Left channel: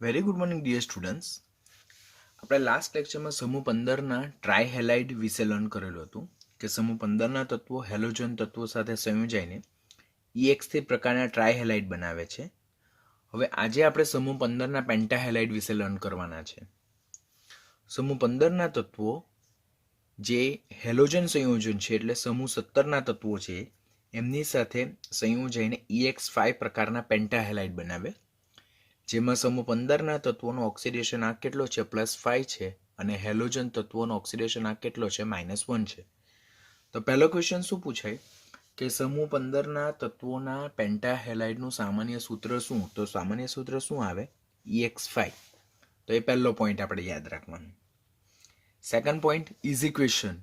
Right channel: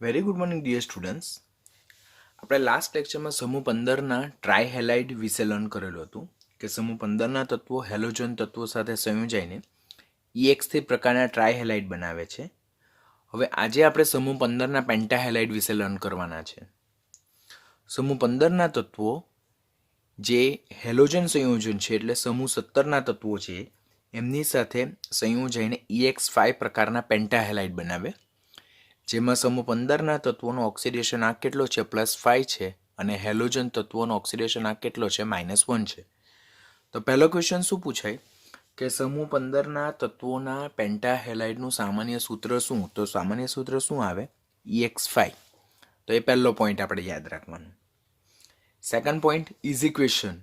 Very good morning dear students. આપણે last લેક્ચરમાં સમૂહ 15ના ટ્રાયહેલાઇડ વિશે લર્ન કરેલું હતું કે સમૂહ 15ના તત્વો હેલોજન તત્વો સાથે સંયોજાઈને EX3 પ્રકારના ટ્રાયહેલાઇડ બનાવે છે. હવે આજે આપણે સમૂહ 15ના પેન્ટાહેલાઇડ વિશે લર્ન કરવાના છે. સમૂહ 15ના તત્વો જે હેલોજન સંયોજન છે એટલે સમૂહ 17ના તત્વો છે એમની સાથે સંયોજાઈને EX5 પ્રકારના પેન્ટાહેલાઇડ બનાવે, જેમાં સમૂહ 15ના તત્વોનો ઓક્સિડેશન આંક કેટલો છે +5 છે અને હેલોજન તત્વોનો ઓક્સિડેશન આંક કેટલો છે -1 છે. તો પહેલો ક્વેશ્ચન શું પૂછાય કે સમૂહ 15ના તત્વોના પેન્ટાહેલાઇડનું સામાન્ય સૂત્ર શું? તો સામાન્ય સૂત્ર શું આવે? EX5. તો એ પહેલો પોઈન્ટ આપણે યાદ રાખવાનો. સેકન્ડ પોઈન્ટ ઇઝી ક્વેશ્ચન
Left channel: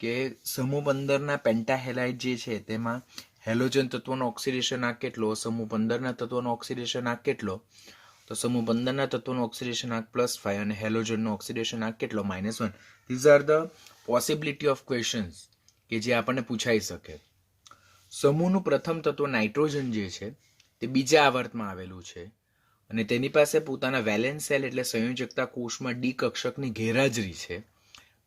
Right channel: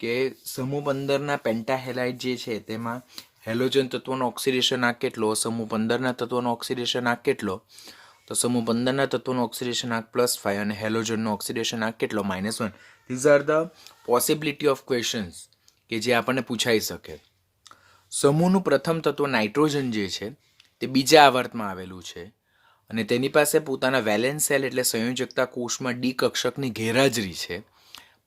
કે સમૂહ 15ના પેન્ટાહેલાઇડ જે છે તેમાં હેલોજન તત્વોનો ઓક્સિડેશન આંક કેટલો, સમૂહ 15ના તત્વોનો ઓક્સિડેશન આંક કેટલો? તો સમૂહ 15ના તત્વોનો ઓક્સિડેશન આંક +5 અને હેલોજનનો ઓક્સિડેશન આંક કેટલો -1. These are the possibility of questions કે જે આપણને પૂછાઈ શકે. સમૂહનું પ્રથમ તત્વ નાઇટ્રોજન જે છે તે બીજા આવર્તમાં આવેલું છે અને તેની પાસે પોતાના વેલેન્સ સેલ એટલે સંયોજકતા કોષમાં ડી કક્ષકની ગેરહાજરી છે.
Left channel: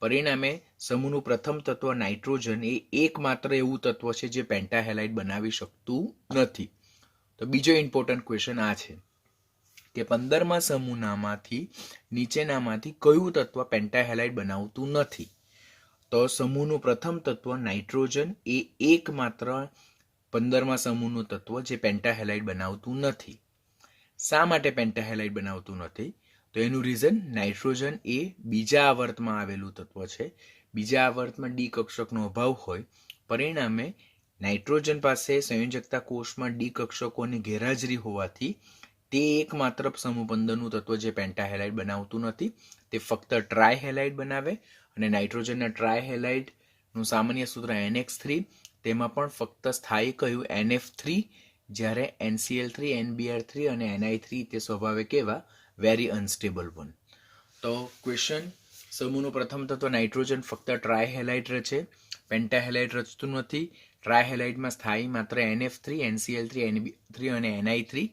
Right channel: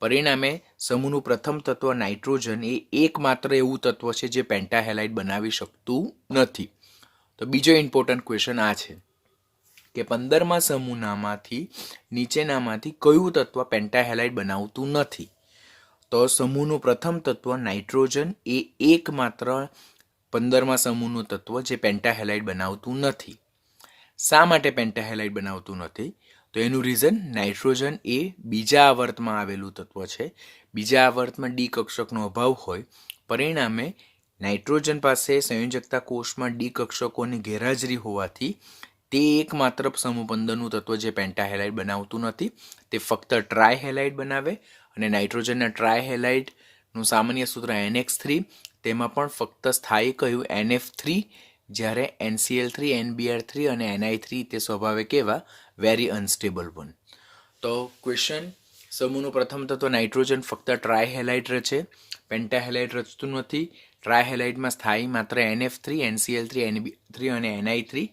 પરિણામે સમૂહનું પ્રથમ તત્વ નાઇટ્રોજન એ એકમાત્ર એવું તત્વ છે જે પેન્ટાહેલાઇડ બનાવી શકતું નથી. તો બીજો ઇમ્પોર્ટન્ટ ક્વેશ્ચન આ છે કે 15મા સમૂહનામાંથી નીચેનામાંથી કયું તત્વ પેન્ટાહેલાઇડ બનાવતું નથી? તો સમૂહનું પ્રથમ તત્વ નાઇટ્રોજન એ એકમાત્ર 15મા સમૂહનું તત્વ જે પેન્ટાહેલાઇડ બનાવતું નથી. શા માટે પેન્ટાહેલાઇડ બનાવતું નથી? તો એનું રીઝન નાઇટ્રોજન એ બીજા આવર્તમાં આવેલું તત્વ છે. બીજા આવર્તમાં ડી કક્ષકનો અભાવ હોય, પરિણામે નાઇટ્રોજન પાસે સંયોજકતા કોષમાં ડી કક્ષકોની ગેરહાજરી હોવાથી તે એકમાત્ર સમૂહ 15નું તત્વ જે પેન્ટાહેલાઇડ બનાવતું નથી. તે ફક્ત ટ્રાયહેલાઇડ બનાવે અને નાઇટ્રોજનના ટ્રાયહેલાઇડનું સામાન્ય સૂત્ર NX3, તેમાં પણ ફક્ત સ્થાયી કહ્યું NF3, જ્યારે NCl3, NBr3 અને NI3 તે સ્વભાવે કેવા વેરી અનસ્ટેબલ વન. તો ક્વેશ્ચન, સમૂહનું પ્રથમ તત્વ નાઇટ્રોજન ફક્ત ટ્રાયહેલાઇડ રચે, પેન્ટાહેલાઇડ રચતું નથી. ટ્રાયહેલાઇડમાં સ્થાયી માત્ર NF3, NCl3, NB3 અને NI3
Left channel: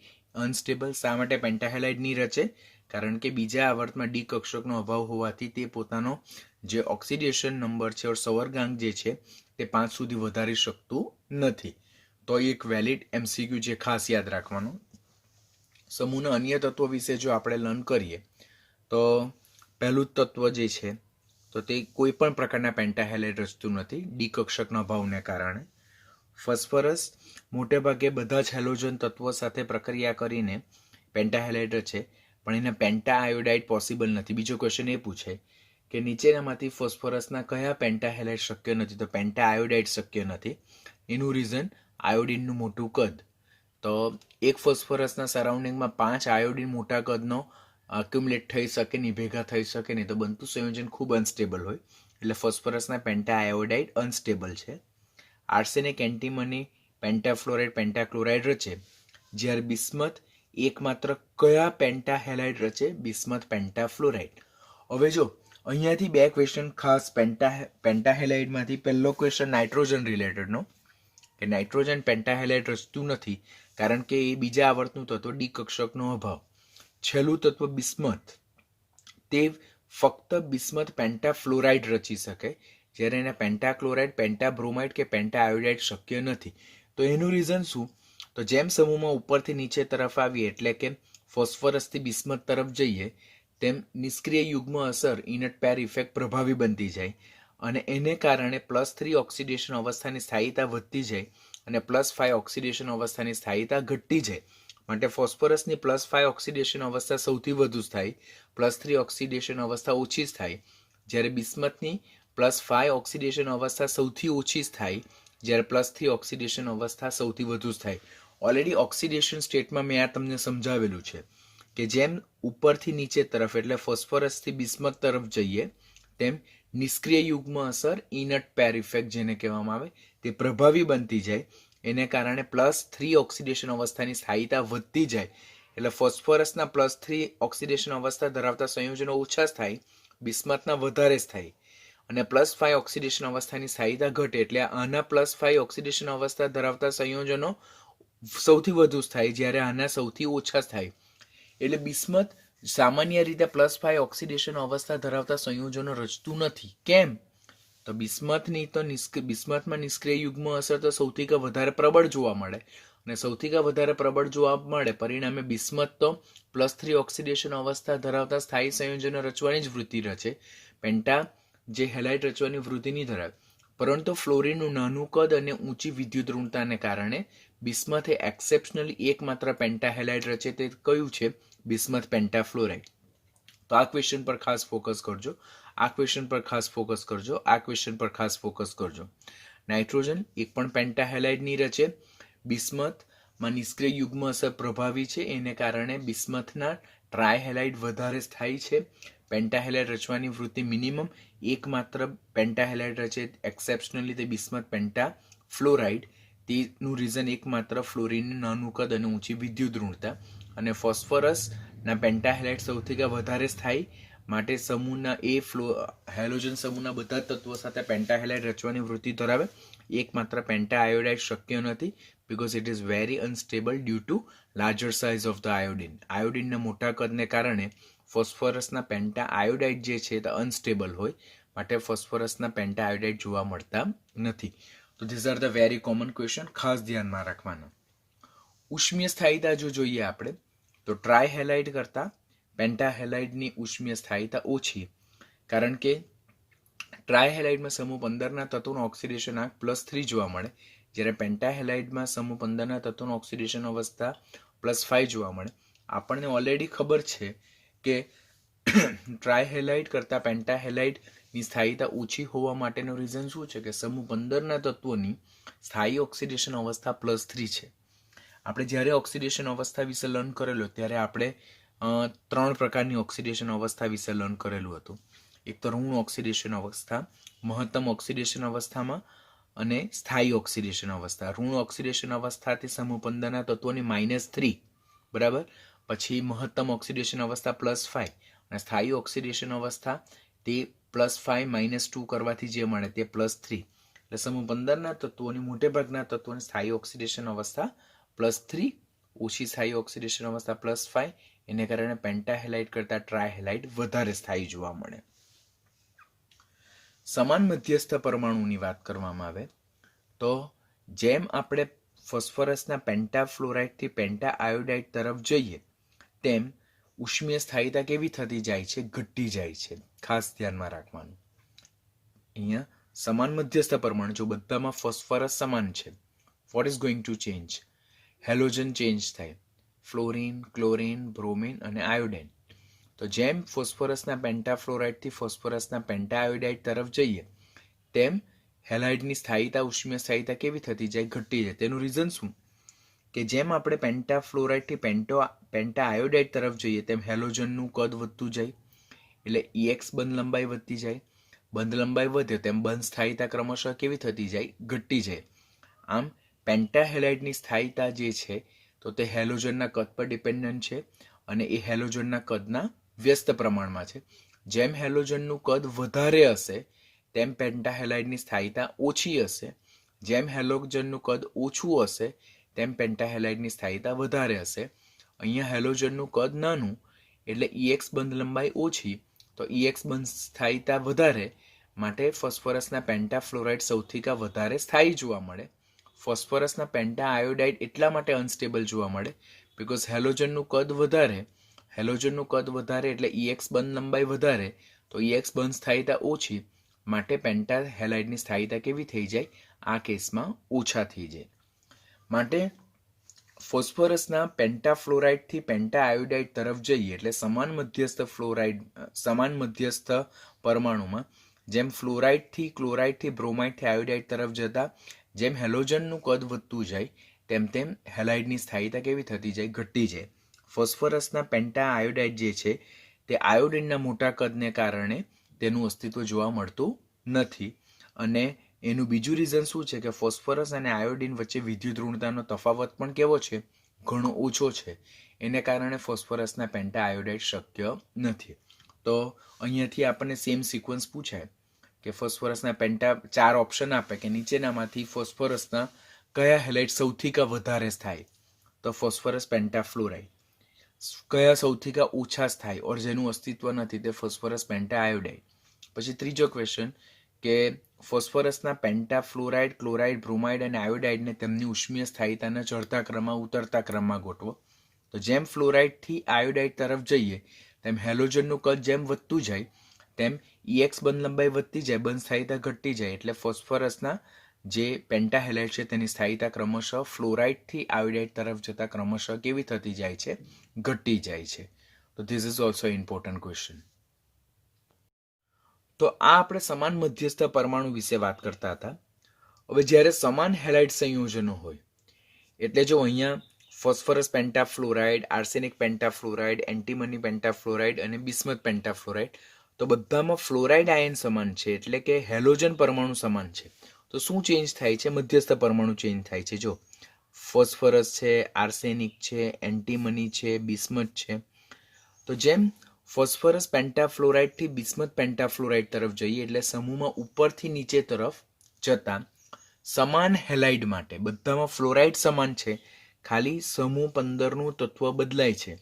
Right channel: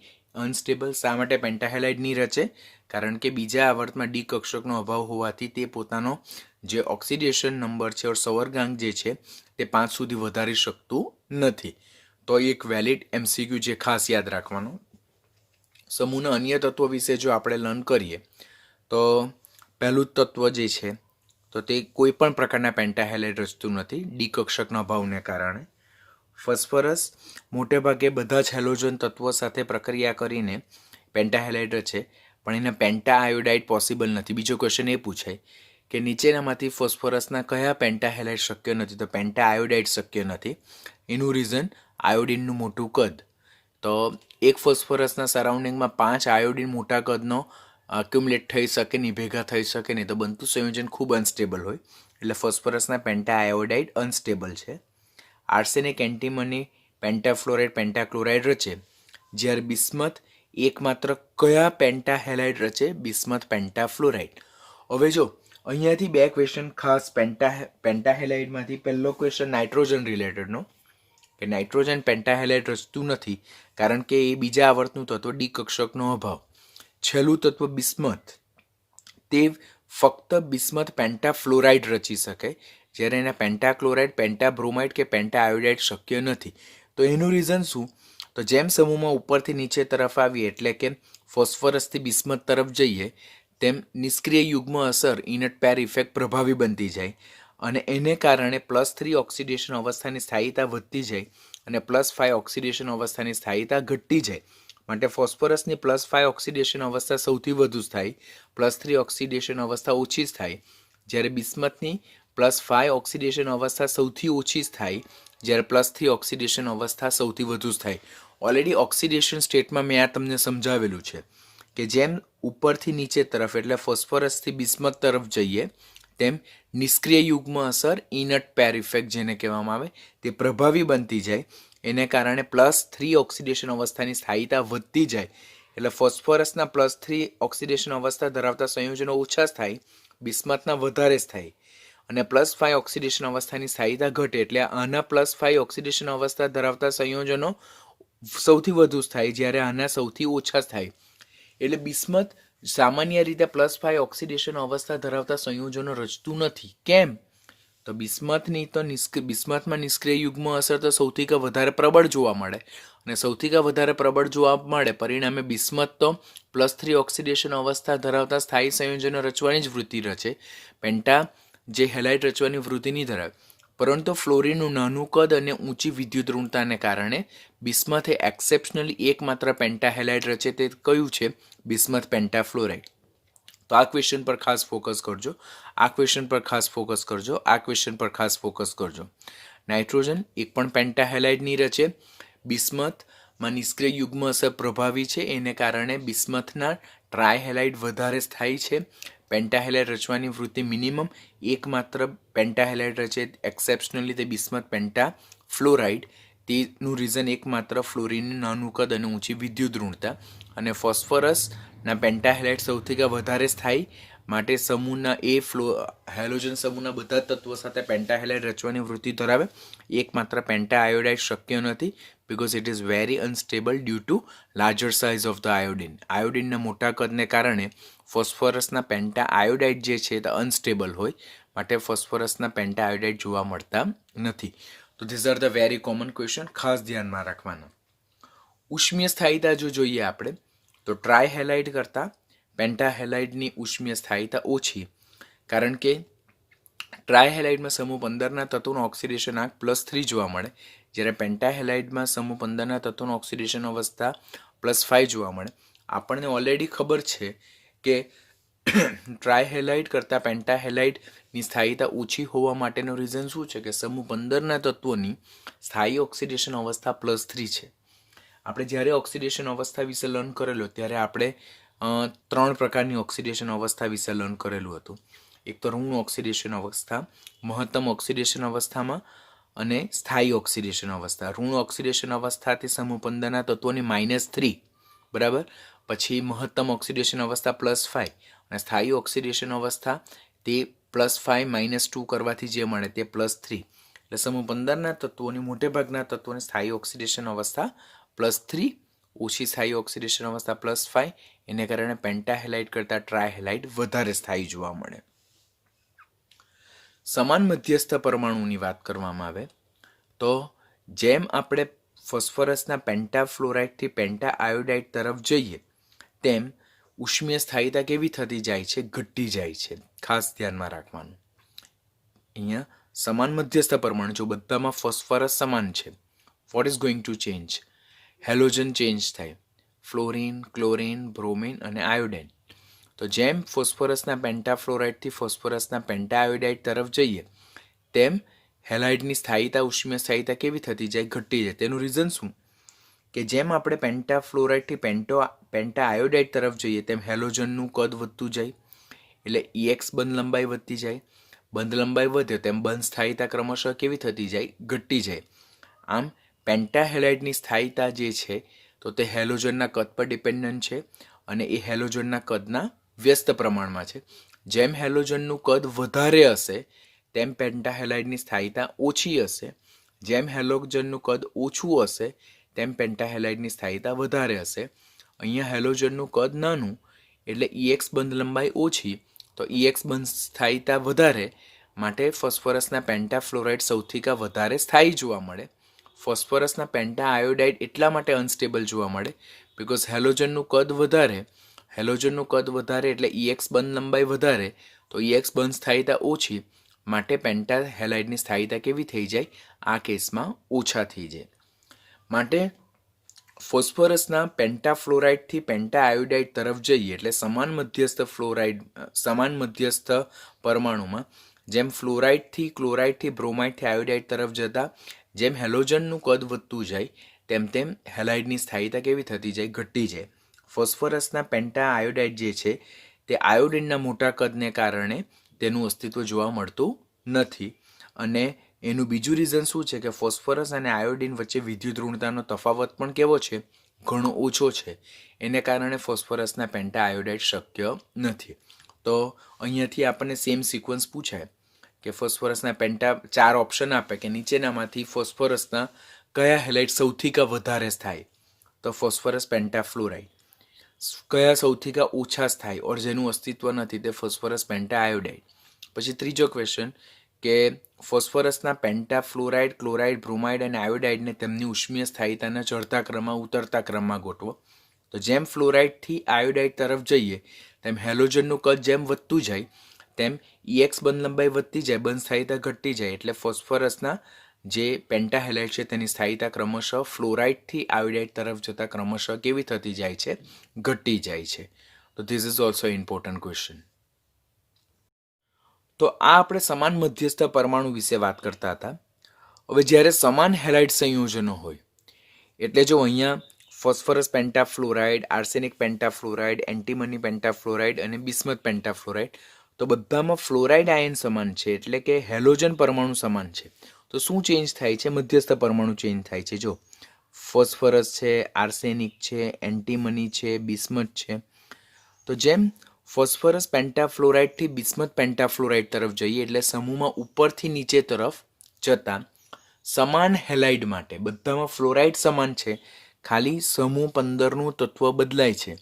અનસ્ટેબલ. શા માટે પેન્ટાહેલાઇડ નહીં રચે? કારણ કે બીજા આવર્તમાં ડી કક્ષકનો અભાવ હોવાથી તે પોતાનો જે ઓક્સિડેશન નંબર છે ઓર સંવર્ગાંક જે છે તે 5 સુધી વધારી શકતું નથી. તો એક વેલિડ MCQ જે ખાસ યાદ રાખવાનું. સમૂહના અન્ય તત્વો વિશે જો આપણે લર્ન કરીએ તો પહેલું તત્વ જે છે તો તે કોઈ પણ પ્રકારના પેન્ટાહેલાઇડ રચતું નથી ડી કક્ષકના અભાવને કારણે. ફોસ્ફરસ મોટેભાગે બધા જ હેલોજન તત્વો સાથે પ્રક્રિયા કરીને પેન્ટાહેલાઇડ રચે, પણ એને પેન્ટા આયોડાઇડ પોસિબલ નથી. બીજો ક્વેશ્ચન એ પૂછાય કે નીચેનામાંથી ફોસ્ફરસના કયા પેન્ટાહેલાઇડ શક્ય નથી? તો પેન્ટા આયોડાઇડ શક્ય નથી. એનું રીઝન આયોડિનનું મોટું કદ. તો એક ફોસ્ફરસના સરાઉન્ડિંગમાં 5 આયોડિન મોટા કદનો અક્યુમ્યુલેટ થઈ શકે નહીં, ભેગા થઈ શકે નહીં, તો બનતું સંયોજન ખૂબ અનસ્ટેબલ હોય, એટલે ફોસ્ફરસના પેન્ટા આયોડાઇડ અનસ્ટેબલ છે. આર્સેનિક, એન્ટીમની, પેન્ટાફ્લોરાઇડ, પેન્ટાક્લોરાઇડ રચે, જ્યારે બિસ્મથ એકમાત્ર કયા પેન્ટાહેલાઇડ રચે? બિસ્મથ પેન્ટાફ્લોરાઇડ. હવે જો અહીંયાથી બે ક્વેશ્ચન ખાસ પેન્ટાહેલાઇડમાંથી. પહેલો ક્વેશ્ચન નાઇટ્રોજન રિલેટેડનો કે નાઇટ્રોજન પેન્ટાહેલાઇડ રચતું નથી કારણ કે એ બીજા આવર્તનું તત્વ ડી કક્ષકનો અભાવ. છેલ્લું તત્વ બિસ્મથ, તે ફક્ત બિસ્મથ પેન્ટાફ્લોરાઇડ રચી શકે, જ્યારે એના પેન્ટાક્લોરાઇડ, પેન્ટાબ્રોમાઇડ કે પેન્ટા આયોડાઇડ શક્ય નથી. તો એનું રીઝન શું? તો જેમ સમૂહમાં ઉપરથી નીચે તરફ આવીએ એટલે કે ફોસ્ફરસથી બિસ્મથ તરફ જઈએ તેમ નિષ્ક્રિય યુગ્મ અસર ઇનટ પેર ઇફેક્ટ પ્રભાવી બનતી જાય અને એને કારણે +3 ઓક્સિડેશન અવસ્થાની સ્થાયીતા વધતી જાય અને +5 ઓક્સિડેશન અવસ્થાની સ્થાયીતા ઘટતી જાય. માટે ફોસ્ફરસની +5 ઓક્સિડેશન અવસ્થા સૌથી વધુ સ્થાયી, +3 ઓક્સિડેશન અવસ્થા ઓછી સ્થાયી, જ્યારે બિસ્મથની +5 ઓક્સિડેશન અવસ્થા સૌથી ઓછી સ્થાયી, જ્યારે +3 ઓક્સિડેશન અવસ્થા સૌથી વધુ સ્થાયી. ઓલરેડી ઓક્સિડેશન સ્ટેટમાં મેં આ તમને સમજાવેલું છે કે જેમ ઉપરથી નીચે તરફ એટલે ફોસ્ફરસથી બિસ્મથ તરફ જઈએ તેમ નિષ્ક્રિય યુગ્મ અસર ઇનટ પેર ઇફેક્ટ જેને કહેવામાં આવે તે પ્રભાવી બનતી જાય. એને કારણે +3 ઓક્સિડેશન અવસ્થાની સ્થાયીતા વધતી જાય એટલે ફોસ્ફરસના +3 ઓક્સિડેશન અવસ્થા ધરાવતા સંયોજનો ઓછા સ્થાયી, બિસ્મથના વધારે સ્થાયી, અને +5 ઓક્સિડેશન અવસ્થાની સ્થાયીતા ઘટે એટલે આના +5 ઓક્સિડેશન અવસ્થા ધરાવતા સંયોજનો સૌથી વધુ સ્થાયી, જ્યારે આના સૌથી ઓછા સ્થાયી. એટલે બિસ્મથ સામાન્ય રીતે +5 ઓક્સિડેશન અવસ્થા ધરાવતા સંયોજનો રચતું નથી. કેમ? તો બિસ્મથની તો બિસ્મથમાં નિષ્ક્રિય યુગ્મ અસર તો સૌથી વધારે પ્રબળ જોવા મળે, અને સૌથી વધારે પ્રબળ જોવા મળે પરિણામે બિસ્મથ તો +3 ઓક્સિડેશન અવસ્થા ધરાવતા સ્થાયી સંયોજનો રચવાની જ વૃત્તિ રચે. પેન્ટા જે હેલાઇડ રચવાની વૃત્તિ નહીં ધરાવે. પરંતુ ફ્લોરિનનું નાનું કદ અને ઊંચી વિદ્યુત ઋણતાને કારણે બિસ્મથ એ એક્સેપ્શનલી એકમાત્ર પેન્ટા હેલાઇડ રચે. તે કયું છે? બિસ્મથ પેન્ટાફ્લોરાઇડ. તો આ ક્વેશ્ચન પર ખાસ ફોકસ કરજો, આ ક્વેશ્ચન પર ખાસ ફોકસ કરજો, આ ક્વેશ્ચન પર ખાસ ફોકસ કરજો. નાઇટ્રોજન એક પણ પેન્ટા હેલાઇડ નહીં રચે. બિસ્મથમાં નિષ્ક્રિય યુગ્મ અસર પ્રભાવી છે, એને કારણે બિસ્મથના ટ્રાયહેલાઇડ વધારે સ્થાયી છે. પેન્ટાહેલાઇડ રચવાની વૃત્તિ મિનિમમ એકમાત્ર પેન્ટાહેલાઇડ રચે એક્સેપ્શનલી તે બિસ્મથ પેન્ટાફ્લોરાઇડ. તેનું રીઝન એકમાત્ર ફ્લોરિનનું નાનું કદ અને ઊંચી વિદ્યુત ઋણતા. અને ફોસ્ફરસના પેન્ટાહેલાઇડ સૌથી વધારે સ્થાયી, માટે સમૂહના હેલોજન સમૂહના બધા તત્વો સાથે પેન્ટાહેલાઇડ રચવાની વૃત્તિ ધરાવે. એકમાત્ર પેન્ટા આયોડાઇડ શક્ય નથી, because it is very unstable due to larger size of the iodine. આયોડિનના મોટા કદને કારણે ફોસ્ફરસના પેન્ટા આયોડાઇડ જે છે તે અનસ્ટેબલ હોય, માટે ફોસ્ફરસના પેન્ટા આયોડાઇડ જોવા મળતા નથી. તો these are the very common question, ખાસ ધ્યાનમાં રાખવાના. ઉષ્મીય સ્થાયીતા જો જોઈએ આપણે, તો ટ્રાયહેલાઇડ કરતાં પેન્ટાહેલાઇડની ઉષ્મીય સ્થાયીતા ઓછી, કારણ કે ટ્રાયહેલાઇડમાં સમૂહ 15ના તત્વોનો ઓક્સિડેશન આંક +3 જોવા મળે, જ્યારે પેન્ટાહેલાઇડમાં સમૂહ 15ના તત્વોનો ઓક્સિડેશન અવસ્થા +5 જોવા મળે. આપણને ઓલરેડી ખબર છે કે ટ્રાયહેલાઇડ કરતાં પેન્ટાહેલાઇડની સ્થાયીતા ઓછી હોવા માટેનું રીઝન શું છે? કે સમૂહ 15ના તત્વોની સ્થાયી ઓક્સિડેશન અવસ્થા +3 છે. આપણે જ્યારે ઓક્સિડેશન અવસ્થા વિશે લર્ન કરેલો ત્યારે આપણે 3 પ્રકારની ઓક્સિડેશન અવસ્થા વિશે લર્ન કરેલું હતું. એક તો ઋણ ઓક્સિડેશન અવસ્થા, મહત્તમ ઓક્સિડેશન અવસ્થામાં, અને સ્થાયી ઓક્સિડેશન અવસ્થા. ઋણ ઓક્સિડેશન અવસ્થાથી સમૂહ 15ના તત્વોની -3, બરાબર. પછી મહત્તમ ઓક્સિડેશન અવસ્થા +5, અને સ્થાયી ઓક્સિડેશન અવસ્થા તે +5 - 2 કરવાથી જે મળે તે +3. એટલે સમૂહ 15ના તત્વોની મોટેભાગના તત્વોની સ્થાયી ઓક્સિડેશન અવસ્થા +3, ઓછી સ્થાયી ઓક્સિડેશન અવસ્થા +5. એને કારણે પેન્ટાહેલાઇડ કરતાં ટ્રાયહેલાઇડ વધારે સ્થાયી જોવા મળે. સમાન મધ્યસ્થ પરમાણુની વાત કરવામાં આવે તો જેમ આપણે ફોસ્ફરસના પેન્ટાફ્લોરાઇડથી પેન્ટા આયોડાઇડ તરફ જઈએ તેમ ઉષ્મીય સ્થાયીતા કેવી થતી જાય છે? ઘટતી જાય છે. ખાસ ધ્યાનમાં રાખવાનું. અહીંયા સમાન મધ્યસ્થ પરમાણુ, જો બધામાં ફોસ્ફરસ સમાન છે, what is going to change? Halogen change થાય. ફ્લોરિન, ક્લોરિન, બ્રોમિન અને આયોડાઇન. તો જેમ ફોસ્ફરસના પેન્ટાફ્લોરાઇડથી ફોસ્ફરસના પેન્ટાઆયોડાઇડ તરફ જઈએ તેમ હેલાઇડની સ્થાયીતા, ઉષ્મીય સ્થાયીતા કેવી થતી જાય? ઘટી જાય. તેનું રીઝન શું? કે જેમ આપણે પેન્ટાફ્લોરાઇડથી પેન્ટાઆયોડાઇડ તરફ જઈએ તેમ હેલોજનનું કદ વધતું જાય, એટલે EX બંધ લંબાઈ વધતી જાય. બંધ લંબાઈ વધે તેમ બંધ સ્થાયીતા ક્રમશઃ કેવી થતી જાય? ઘટતી જાય. આમ પેન્ટાહેલાઇડની સ્થાયીતા જે છે તો તે હેલોજનના કદ પર ડિપેન્ડન્ટ છે, અને એ હેલોજનના કદના વ્યસ્ત પ્રમાણમાં છે. જેમ હેલોજનનું કદ વધારે હશે તેમ પેન્ટાહેલાઇડની સ્થાયીતા ઓછી હશે. જેમ હેલોજનનું કદ ઓછું હશે તેમ પેન્ટાહેલાઇડની સ્થાયીતા વધારે હશે. અહીંયા હેલોજનનું કદ નાનું એટલે EX બંધ લંબાઈ ઓછી, તો EX બંધ સ્થાયીતા વધારે, માટે ફોસ્ફરસના પેન્ટાફ્લોરાઇડ સૌથી વધારે સ્થાયી જોવા મળે. ફોસ્ફરસના પેન્ટા આયોડાઇડ એટલા માટે અનસ્ટેબલ જોવા મળે બિકોઝ હેલોજનનું કદ વધારે એટલે EX બંધ લંબાઈ વધારે, તો EX બંધ સ્થાયીતા ઓછી, માટે પેન્ટા હેલાઇડની સ્થાયીતા કેવી થઈ જાય? આ કેસમાં ઓછા થઈ જાય. માટે ફોસ્ફરસના પેન્ટાફ્લોરાઇડથી પેન્ટા આયોડાઇડ તરફ જઈએ એટલે સમાન મધ્યસ્થ પરમાણુમાં જેમ ફ્લોરાઇડથી, ક્લોરાઇડથી, બ્રોમાઇડથી આયોડાઇડ તરફ જતા જેમ હેલોજનનું કદ વધતું જાય તેમ તેમ હેલાઇડની સ્થાયીતા કેવી થતી જાય? ઘટતી જાય. ફોસ્ફરસના પેન્ટા આયોડાઇડ જે છે તે આયોડિનના મોટા કદને કારણે તેનું અસ્તિત્વ જોવા મળતું નથી. અને એનું બીજું રીઝન શું છે? કે ફોસ્ફરસ અને આયોડિન વચ્ચે વિદ્યુત ઋણતાનો તફાવત પણ કેવો છે? ઘણો ઓછો છે. એને કારણે ફોસ્ફરસના પેન્ટા આયોડાઇડ શક્ય નથી. તો અહીંયાથી આપણને સેમ સિક્વન્સ પૂછાય કે ફોસ્ફરસના પેન્ટા 4 ઓપ્શન આપે કે નીચેનામાંથી ફોસ્ફરસના કયા હેલાઇડ સૌથી વધારે થાય? તો ફોસ્ફરસ પેન્ટાફ્લોરાઇડ. કયા સૌથી ઓછા સ્થાયી ઓર જેનું અસ્તિત્વ નથી તે ફોસ્ફરસ પેન્ટા આયોડાઇડ. પછી ત્રીજો ક્વેશ્ચન કે ફોસ્ફરસના પેન્ટા ફ્લોરાઇડ, ક્લોરાઇડ, બ્રોમાઇડ અને આયોડાઇડને તેમની ઉષ્મીય સ્થાયીતાના ચડતા ક્રમમાં ઉતરતા ક્રમમાં ગોઠવો. તો જેમ ફ્લોરાઇડથી આયોડાઇડ તરફ જઈએ તેમ હેલોજનનું કદ જેમ વધતું જાય તેમ EX બંધ લંબાઈ વધતી જાય, બંધ સ્થાયીતા ઘટતી જાય. એટલે ફોસ્ફરસના જે પેન્ટાહેલાઇડ છે તેની સ્થાયીતા ક્રમશઃ ફ્લોરાઇડથી આયોડાઇડ તરફ જતા ક્રમશઃ કેવી થતી જાય છે? ઘટી જાય છે. તો this is also important question. તો આ આપણે સમાન મધ્યસ્થ પરમાણુ વિશે વાત કરતા હતા. હવે જ્યારે સમાન હેલાઇડ સંયોજનો હોય એટલે જો અહીંયા ફોસ્ફરસ પેન્ટાફ્લોરાઇડ, આર્સેનિક પેન્ટાફ્લોરાઇડ, એન્ટીમની પેન્ટાફ્લોરાઇડ અને બિસ્મથ પેન્ટાફ્લોરાઇડ, તો બધામાં ફ્લોરાઇડ આયન સમાન છે એટલે કે હેલોજન પરમાણુ સમાન છે. તો શું ચેન્જ થાય છે? મધ્યસ્થ પરમાણુ ચેન્જ થાય છે. જો ફોસ્ફરસ છે, આર્સેનિક છે, એન્ટીમની છે, બિસ્મથ છે, તો જેમ ફોસ્ફરસ પેન્ટાફ્લોરાઇડથી બિસ્મથ પેન્ટાફ્લોરાઇડ તરફ જઈએ એટલે સમૂહમાં ઉપરથી નીચે તરફ જતા સમાન હેલાઇડ માટે બધામાં ફ્લોરાઇડ સમાન છે, ખાલી સમૂહ 15નું તત્વ બદલાય છે.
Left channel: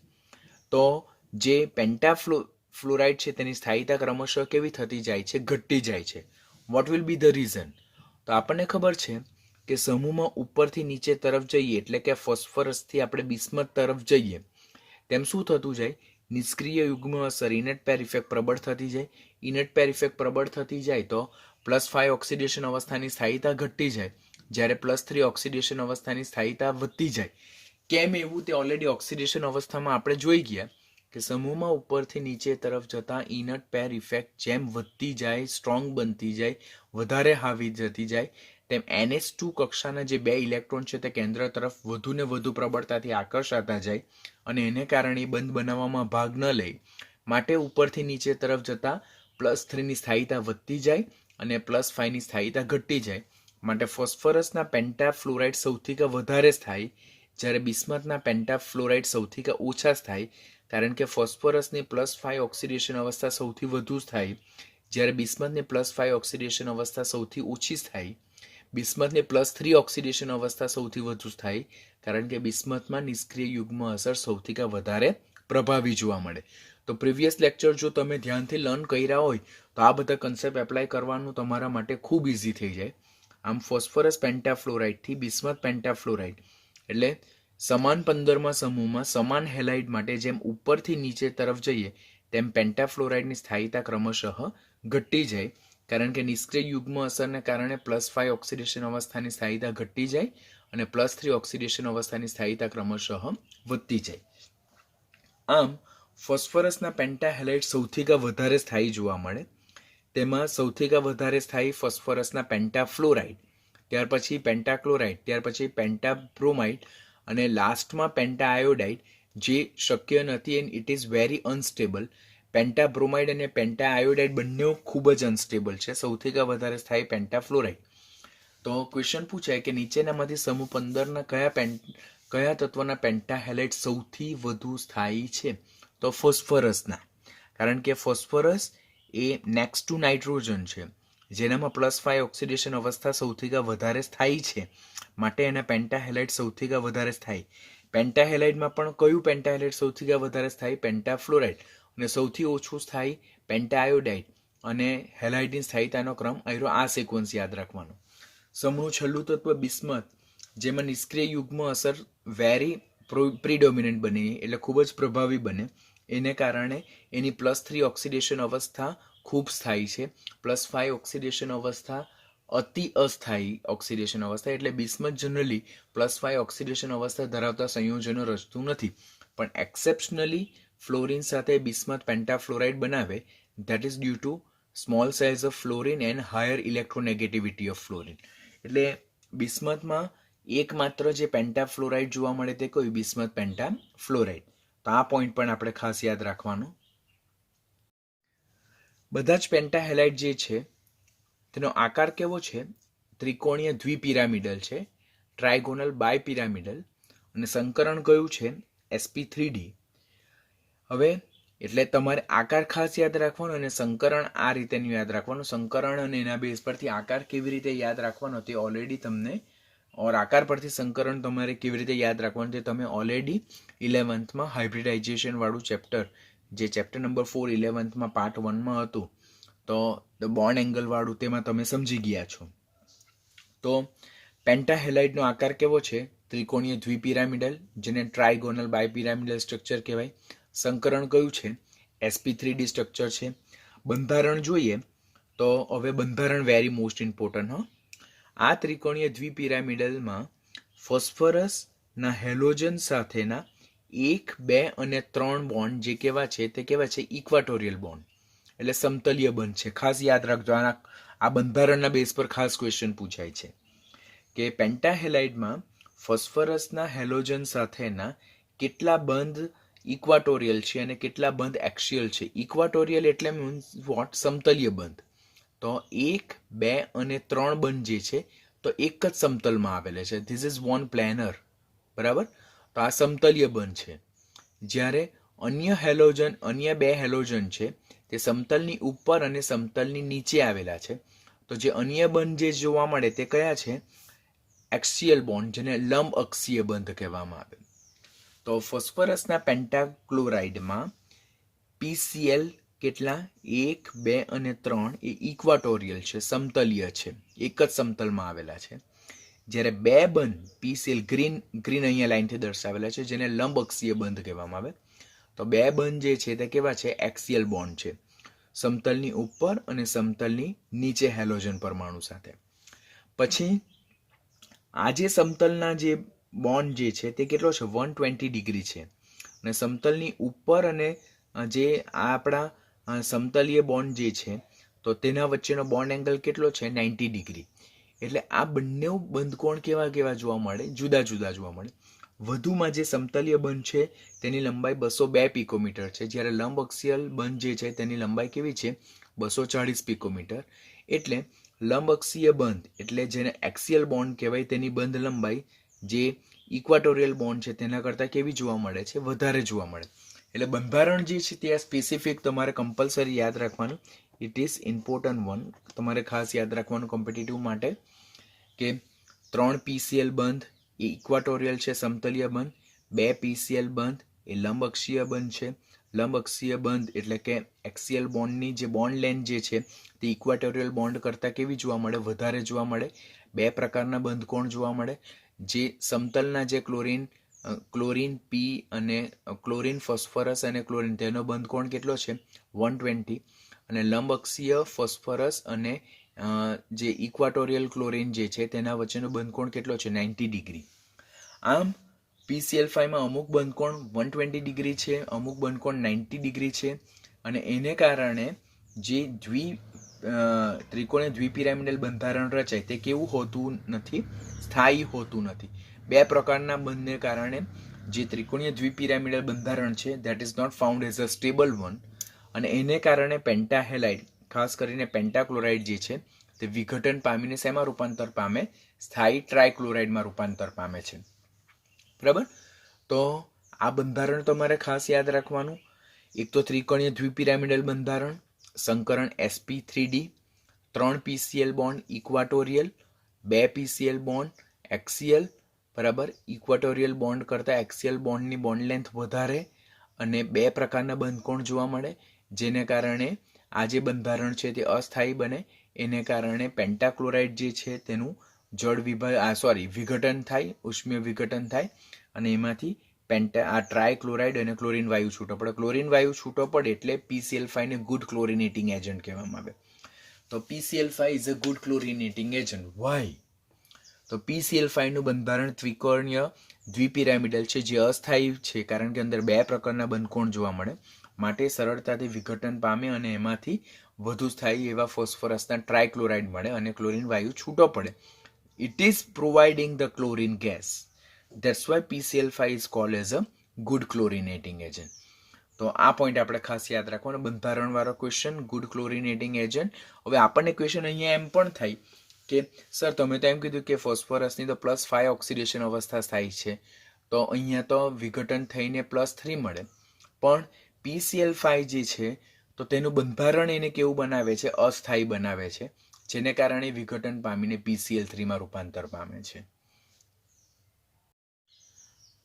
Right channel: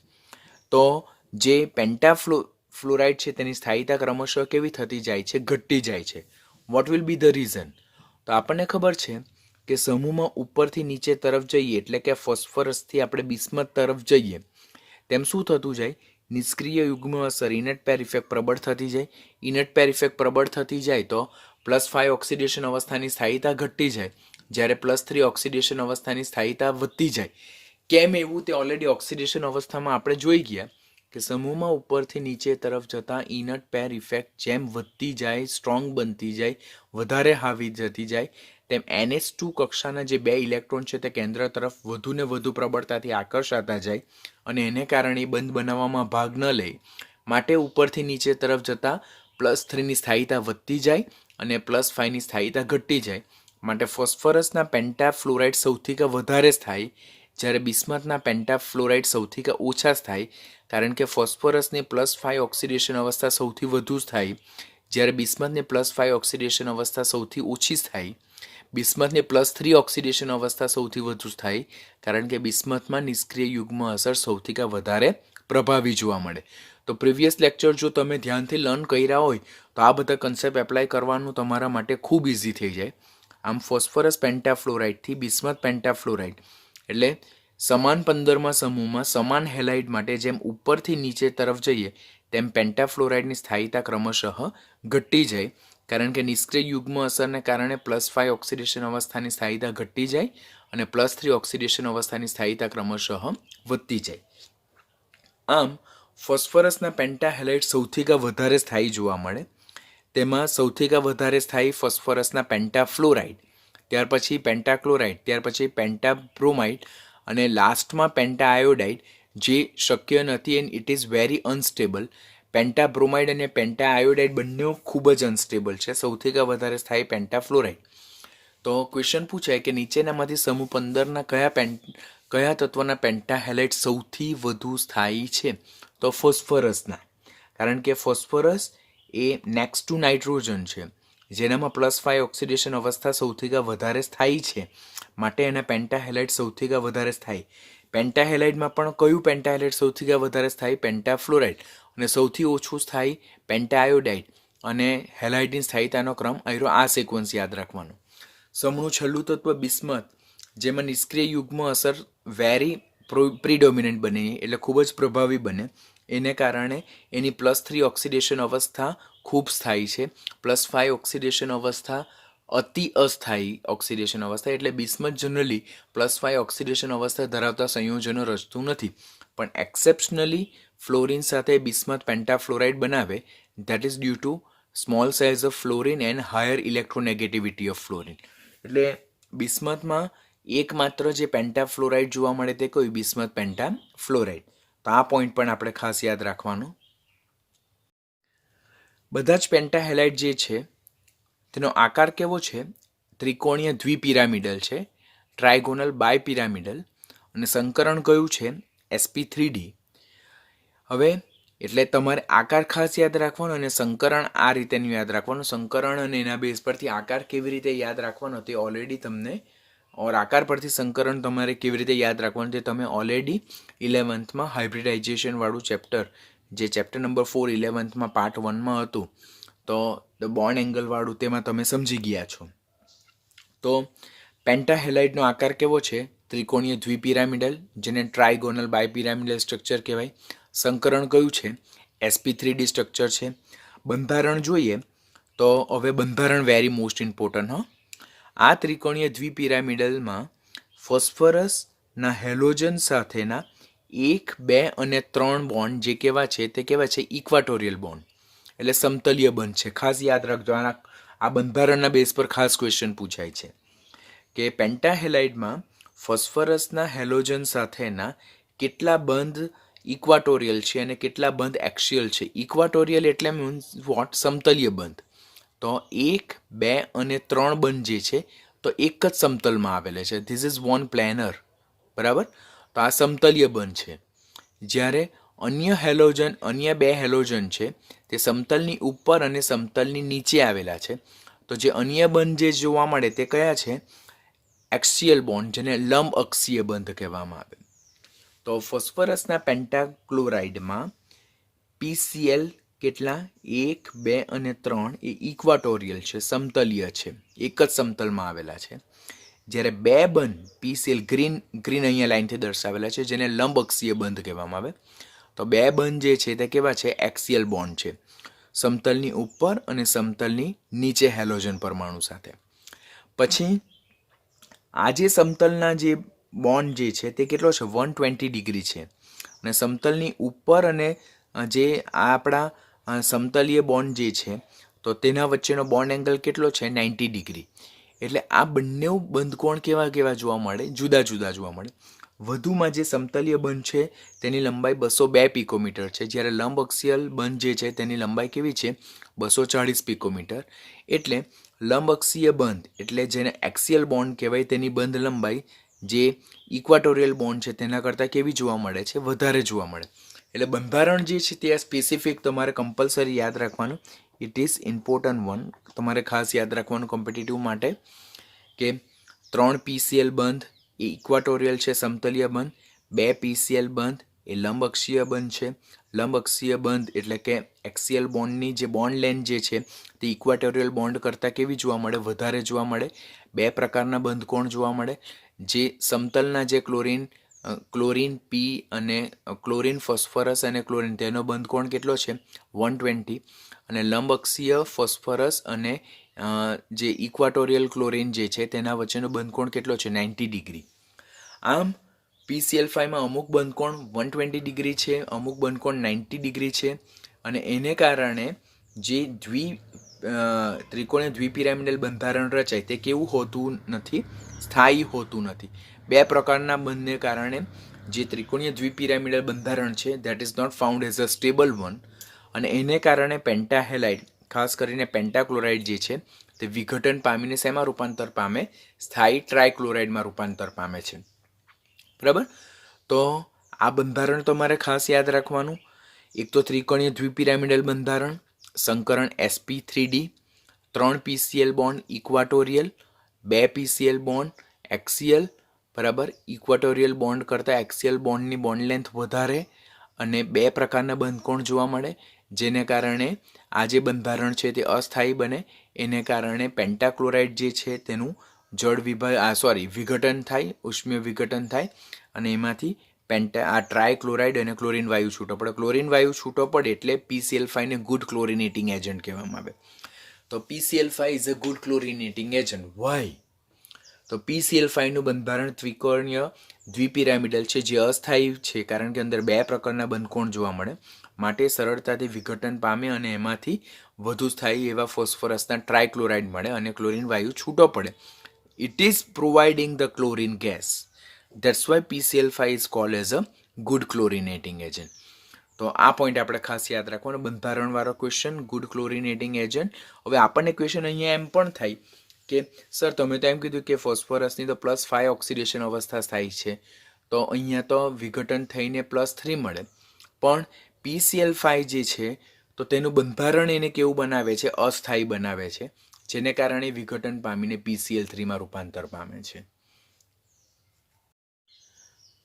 તો જે પેન્ટાફ્લોરાઇડ છે તેની સ્થાયીતા ક્રમશઃ કેવી થતી જાય છે? ઘટતી જાય છે. What will be the reason? તો આપણને ખબર છે કે સમૂહમાં ઉપરથી નીચે તરફ જઈએ એટલે કે ફોસ્ફરસથી આપણે બિસ્મથ તરફ જઈએ તેમ શું થતું જાય? નિષ્ક્રિય યુગ્મ અસર ઇનટ પેર ઇફેક્ટ પ્રબળ થતી જાય. ઇનટ પેર ઇફેક્ટ પ્રબળ થતી જાય તો +5 ઓક્સિડેશન અવસ્થાની સ્થાયીતા ઘટતી જાય, જ્યારે +3 ઓક્સિડેશન અવસ્થાની સ્થાયીતા વધતી જાય. કેમ એવું? તે ઓલરેડી ઓક્સિડેશન અવસ્થામાં આપણે જોઈ ગયા કે સમૂહમાં ઉપરથી નીચે તરફ જતા ઇનટ પેર ઇફેક્ટ જેમ વધતી જાય, સ્ટ્રોંગ બનતી જાય, વધારે હાવી જતી જાય તેમ NH2 કક્ષાના જે 2 ઇલેક્ટ્રોન છે તે કેન્દ્ર તરફ વધુ ને વધુ પ્રબળતાથી આકર્ષાતા જાય અને એને કારણે બંધ બનાવવામાં ભાગ ન લે માટે ઉપરથી નીચે તરફ જતા +3ની સ્થાયીતા વધતી જાય અને +5ની સ્થાયીતા ઘટતી જાય. માટે ફોસ્ફરસના પેન્ટાફ્લોરાઇડ સૌથી વધારે સ્થાયી, જ્યારે બિસ્મથના પેન્ટાફ્લોરાઇડ સૌથી ઓછા સ્થાયી, કારણ કે ફોસ્ફરસની +5 ઓક્સિડેશન અવસ્થા સૌથી વધુ સ્થાયી, જ્યારે બિસ્મથની +5 ઓક્સિડેશન અવસ્થા સૌથી ઓછી સ્થાયી. બિસ્મથની +3 ઓક્સિડેશન અવસ્થા સૌથી વધુ સ્થાયી, કારણ કે બિસ્મથમાં નિષ્ક્રિય યુગ્મ અસર સૌથી વધારે પ્રભાવી જોવા મળે. તો પ્રીવિયસ લેક્ચર જો તમે ધ્યાનથી લર્ન કર્યા હોય તો આ બધા કન્સેપ્ટ એપ્લાય કરવાનું તમારા માટે ખૂબ ઇઝી થઈ જાય. આમ ફોસ્ફરસ પેન્ટાફ્લોરાઇડથી બિસ્મથ પેન્ટાફ્લોરાઇડ એટલે સમાન 15માં સમૂહમાં સમાન હેલાઇડ માટે જેમ ઉપરથી નીચે તરફ જઈએ તેમ પેન્ટાફ્લોરાઇડની સ્થાયીતા ક્રમશઃ ઘટતી જાય, કારણ કે નિષ્ક્રિય યુગ્મ અસરને કારણે +5 ઓક્સિડેશન અવસ્થાની સ્થાયીતા ઘટતી જાય અને +3 ઓક્સિડેશન અવસ્થાની સ્થાયીતા ક્રમશઃ વધતી જાય. આમ ફોસ્ફરસના પેન્ટાહેલાઇડ સૌથી વધારે સ્થાયી જોવા મળે. તેમાં સૌથી વધારે સ્થાયી ફોસ્ફરસના પેન્ટાફ્લોરાઇડ, ત્યાર પછી પેન્ટાક્લોરાઇડ, ત્યાર પછી પેન્ટાબ્રોમાઇડ અને લાસ્ટમાં પેન્ટાઆયોડાઇડ, જે શક્ય નથી and it is very unstable. Pentabromide અને પેન્ટાઆયોડાઇડ બંને ખૂબ જ અનસ્ટેબલ છે. સૌથી વધારે સ્થાયી પેન્ટાફ્લોરાઇડ. તો ક્વેશ્ચન પૂછાય કે નીચેનામાંથી સમૂહ 15ના કયા તત્વના પેન્ટાહેલાઇડ સૌથી વધુ સ્થાયી છે? તો ફોસ્ફરસના, કારણ કે phosphorus A next to nitrogen છે, જેનામાં +5 ઓક્સિડેશન અવસ્થા સૌથી વધારે સ્થાયી છે, માટે એના પેન્ટાહેલાઇડ સૌથી વધારે સ્થાયી. પેન્ટાહેલાઇડમાં પણ કયું પેન્ટાહેલાઇડ સૌથી વધારે સ્થાયી? પેન્ટાફ્લોરાઇડ. અને સૌથી ઓછું સ્થાયી પેન્ટાઆયોડાઇડ. અને હેલાઇડની સ્થાયીતાનો ક્રમ અહીંનો આ સિક્વન્સ યાદ રાખવાનો. સમૂહનું છેલ્લું તત્વ બિસ્મથ, જેમાં નિષ્ક્રિય યુગ્મ અસર વેરી પ્રિડોમિનન્ટ બને એટલે ખૂબ જ પ્રભાવી બને, એને કારણે એની +3 ઓક્સિડેશન અવસ્થા ખૂબ સ્થાયી છે. +5 ઓક્સિડેશન અવસ્થા અતિ અસ્થાયી ઓક્સિડેશન અવસ્થા, એટલે બિસ્મથ જનરલી +5 ઓક્સિડેશન અવસ્થા ધરાવતા સંયોજનો રચતું નથી, પણ એક્સેપ્શનલી ફ્લોરિન સાથે બિસ્મથ પેન્ટાફ્લોરાઇડ બનાવે. That is due to small size of fluorine and higher electronegativity of fluorine. એટલે બિસ્મથમાં એકમાત્ર જે પેન્ટાફ્લોરાઇડ જોવા મળે તે કોઈ બિસ્મથ પેન્ટાફ્લોરાઇડ. તો આ પોઈન્ટ પણ આપણે ખાસ યાદ રાખવાનું. બધા જ પેન્ટાહેલાઇડ જે છે તેનો આકાર કેવો છે? ત્રિકોણીય દ્વિપિરામિડલ છે, ટ્રાયગોનલ બાયપિરામિડલ, અને સંકરણ કયું છે? sp3d. હવે એટલે તમારે આકાર ખાસ યાદ રાખવાનો અને સંકરણ આ રીતેનું યાદ રાખવાનું. સંકરણ અને એના બેઝ પરથી આકાર કેવી રીતે યાદ રાખવાનો તે ઓલરેડી તમને ઓર આકાર પરથી સંકરણ તમારે કેવી રીતે યાદ રાખવાનું તે તમે ઓલરેડી 11th હાઇબ્રિડાઇઝેશન વાળું ચેપ્ટર, જે ચેપ્ટર નંબર 4 11th પાર્ટ 1 હતું, તો ધ બોન્ડ એંગલ વાળું તેમાં તમે સમજી ગયા છો. તો પેન્ટાહેલાઇડનો આકાર કેવો છે? ત્રિકોણીય દ્વિપિરામિડલ, જેને ટ્રાયગોનલ બાયપિરામિડલ સ્ટ્રક્ચર કહેવાય. સંકરણ કયું છે? sp3d સ્ટ્રક્ચર છે. બંધારણ જોઈએ તો હવે બંધારણ વેરી મોસ્ટ ઇમ્પોર્ટન્ટ. આ ત્રિકોણીય દ્વિપિરામિડલમાં ફોસ્ફરસના હેલોજન સાથેના 1, 2 અને 3 બોન્ડ જે કેવા છે તે કેવા છે? ઇક્વાટોરિયલ બોન્ડ, એટલે સમતલીય બંધ છે. ખાસ યાદ રાખજો, આ બંધારણના બેઝ પર ખાસ ક્વેશ્ચન પૂછાય છે કે પેન્ટાહેલાઇડમાં ફોસ્ફરસના હેલોજન સાથેના કેટલા બંધ ઇક્વાટોરિયલ છે અને કેટલા બંધ એક્સિયલ છે. ઇક્વાટોરિયલ એટલે મીન્સ વોટ? સમતલીય બંધ. તો 1, 2 અને 3 બંધ જે છે તો એક જ સમતલમાં આવેલા છે. ધીસ ઇઝ વન પ્લેનર, બરાબર. તો આ સમતલીય બંધ છે. જ્યારે અન્ય બે હેલોજન છે તે સમતલની ઉપર અને સમતલની નીચે આવેલા છે. તો જે અન્ય બંધ જે જોવા મળે તે કયા છે? એક્સિયલ બોન્ડ, જેને લંબ અક્ષીય બંધ કહેવામાં આવે. તો ફોસ્ફરસના પેન્ટાક્લોરાઇડમાં PCl કેટલા? 1, 2 અને 3 એ ઇક્વાટોરિયલ છે, સમતલીય છે, એક જ સમતલમાં આવેલા છે. જ્યારે બે બંધ PCl ગ્રીન અહીંયા લાઈનથી દર્શાવેલા છે, જેને લંબ અક્ષીય બંધ કહેવામાં આવે. તો બે બંધ જે છે તે કેવા છે? એક્સિયલ બોન્ડ છે, સમતલની ઉપર અને સમતલની નીચે હેલોજન પરમાણુ સાથે. પછી આ જે સમતલના જે બોન્ડ જે છે તે કેટલો છે? 120 ડિગ્રી છે. અને સમતલની ઉપર અને જે આપણા સમતલીય બોન્ડ જે છે તો તેના વચ્ચેનો બોન્ડ એંગલ કેટલો છે? 90 ડિગ્રી. એટલે આ બંને બંધકોણ કેવા જોવા મળે? જુદા જુદા જોવા મળે. વધુમાં જે સમતલીય બંધ છે તેની લંબાઈ 202 પિકોમીટર છે, જ્યારે લંબ અક્ષીય બંધ જે છે તેની લંબાઈ કેવી છે? 240 પિકોમીટર. એટલે લંબ અક્ષીય બંધ એટલે જેને એક્સિયલ બોન્ડ કહેવાય તેની બંધ લંબાઈ જે ઇક્વાટોરિયલ બોન્ડ છે તેના કરતાં કેવી જોવા મળે છે? વધારે જોવા મળે. એટલે બંધારણ જે છે તે સ્પેસિફિક તમારે કમ્પલસરી યાદ રાખવાનું. It is important one. તમારે ખાસ યાદ રાખવાનું કોમ્પિટિટિવ માટે કે 3 PCl બંધ એ ઇક્વાટોરિયલ છે, સમતલીય બંધ. 2 PCl બંધ એ લંબ અક્ષીય બંધ છે. લંબ અક્ષીય બંધ એટલે કે એક્સિયલ બોન્ડની જે બોન્ડ લેન્થ જે છે તે ઇક્વાટોરિયલ બોન્ડ કરતાં કેવી જોવા મળે? વધારે જોવા મળે. બે પ્રકારના બંધકોણ જોવા મળે. જે સમતલના જે ક્લોરીન P અને ક્લોરીન ફોસ્ફરસ અને ક્લોરીન, તેનો બંધકોણ કેટલો છે? 120. અને લંબ અક્ષીય ફોસ્ફરસ અને જે ઇક્વાટોરિયલ ક્લોરીન જે છે તેના વચ્ચેનો બંધકોણ કેટલો છે? 90 ડિગ્રી. આમ PCl5માં અમુક બંધકોણ 120 ડિગ્રી છે, અમુક બંધકોણ 90 ડિગ્રી છે. અને એને કારણે જે ત્રિકોણીય દ્વિપિરામિડલ બંધારણ રચાય તે કેવું હોતું નથી? સ્થાયી હોતું નથી. બે પ્રકારના બંધને કારણે જે ત્રિકોણીય દ્વિપિરામિડલ બંધારણ છે that is not found as a stable one. અને એને કારણે પેન્ટાહેલાઇડ, ખાસ કરીને પેન્ટાક્લોરાઇડ જે છે તે વિઘટન પામીને શેમાં રૂપાંતર પામે? સ્થાયી ટ્રાયક્લોરાઇડમાં રૂપાંતર પામે છે, બરાબર. તો આ બંધારણ તમારે ખાસ યાદ રાખવાનું. એક તો ત્રિકોણીય દ્વિપિરામિડલ બંધારણ, સંકરણ sp3d, 3 PCl bond equatorial, 2 PCl bond axial, બરાબર. ઇક્વાટોરિયલ બોન્ડ કરતાં એક્સિયલ બોન્ડની બોન્ડ લેન્થ વધારે અને બે પ્રકારના બંધકોણ જોવા મળે, જેને કારણે આ જે બંધારણ છે તે અસ્થાયી બને. એને કારણે પેન્ટાક્લોરાઇડ જે છે તેનું વિઘટન થાય, ઉષ્મીય વિઘટન થાય અને એમાંથી આ ટ્રાયક્લોરાઇડ અને ક્લોરીન વાયુ છૂટો પડે. ક્લોરીન વાયુ છૂટો પડે એટલે PCl5 ને ગુડ ક્લોરિનેટિંગ એજન્ટ કહેવામાં આવે. તો PCl5 is a good chlorinating agent. Why? તો PCl5નું બંધારણ ત્રિકોણીય દ્વિપિરામિડલ છે, જે અસ્થાયી છે કારણ કે અંદર બે પ્રકારના બંધકોણ જોવા મળે, માટે સરળતાથી વિઘટન પામે અને એમાંથી વધુ સ્થાયી એવા ફોસ્ફરસના ટ્રાયક્લોરાઇડ મળે અને ક્લોરીન વાયુ છૂટો પડે. It is providing the chlorine gas. That's why PCl5 is called as a good chlorinating agent. તો આ પોઈન્ટ આપણે ખાસ યાદ રાખવાનો. બંધારણવાળો ક્વેશ્ચન, ગુડ ક્લોરિનેટિંગ એજન્ટ. હવે આપણને ક્વેશ્ચન અહીંયા એમ પણ થાય કે સર તમે તો એમ કીધું કે ફોસ્ફરસની તો +5 ઓક્સિડેશન અવસ્થા થાય છે, તો અહીંયા તો વિઘટન થઈને +3 મળે, પણ PCl5 જે છે તો તેનું બંધારણ એને કેવું બનાવે છે? અસ્થાયી બનાવે છે, જેને કારણે વિઘટન પામીને PCl3માં રૂપાંતર પામે છે.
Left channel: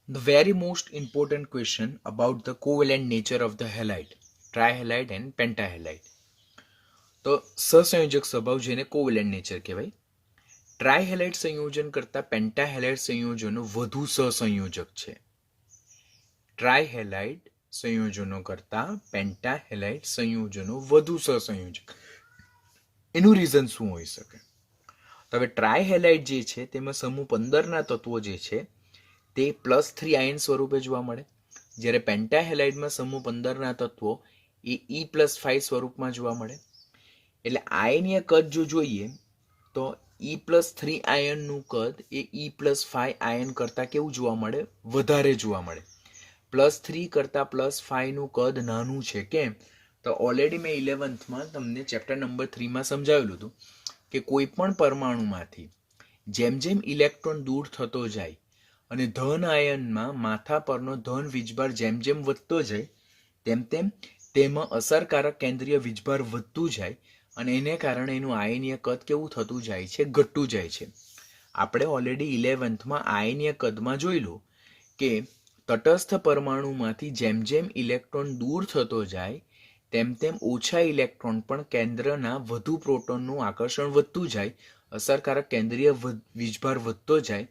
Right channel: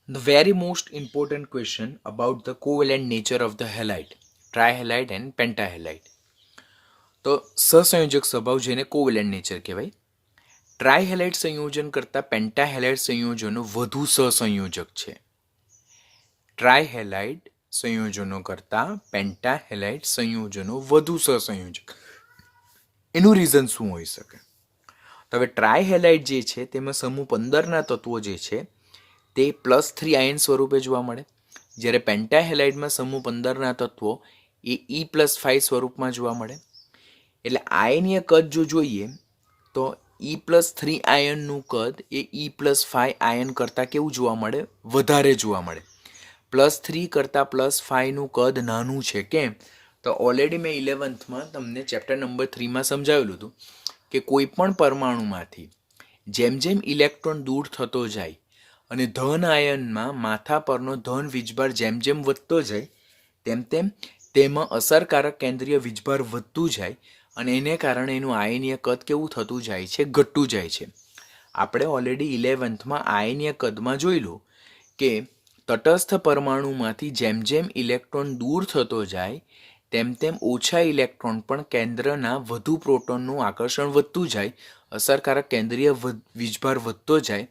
The very most important question about the covalent nature of the halide, trihalide and pentahalide. તો સહસંયોજક સ્વભાવ જેને કોવેલેન્ટ નેચર કહેવાય. ટ્રાયહેલાઇડ સંયોજન કરતાં પેન્ટાહેલાઇડ સંયોજનો વધુ સહસંયોજક છે. ટ્રાયહેલાઇડ સંયોજનો કરતાં પેન્ટાહેલાઇડ સંયોજનો વધુ સહસંયોજક. એનું રીઝન શું હોઈ શકે? તો હવે ટ્રાયહેલાઇડ જે છે તેમાં સમૂહ 15ના તત્વો જે છે તે +3 આયન સ્વરૂપે જોવા મળે, જ્યારે પેન્ટાહેલાઇડમાં સમૂહ 15ના તત્વો એ E+5 સ્વરૂપમાં જોવા મળે. એટલે આયનીય કદ જો જોઈએ તો E+3 આયનનું કદ એ E+5 આયન કરતાં કેવું જોવા મળે? વધારે જોવા મળે. +3 કરતાં +5નું કદ નાનું છે. કેમ? તો ઓલરેડી મેં 11થમાં તમને ચેપ્ટર નંબર 3માં સમજાવેલું હતું કે કોઈ પણ પરમાણુમાંથી જેમ જેમ ઇલેક્ટ્રોન દૂર થતો જાય અને ધન આયનમાં માથા પરનો ધન વીજભાર જેમ જેમ વધતો જાય તેમ તેમ તેમાં અસરકારક કેન્દ્રીય વીજભાર વધતું જાય અને એને કારણે એનું આયનીય કદ કેવું થતું જાય છે? ઘટતું જાય છે. આપણે ઓલરેડી 11થમાં આયનીય કદમાં જોયેલું કે તટસ્થ પરમાણુમાંથી જેમ જેમ ઇલેક્ટ્રોન દૂર થતો જાય તેમ તેમ ઓછા ઇલેક્ટ્રોન પણ કેન્દ્રના વધુ પ્રોટોનનું આકર્ષણ વધતું જાય, અસરકારક કેન્દ્રીય વીજભાર વધતો જાય,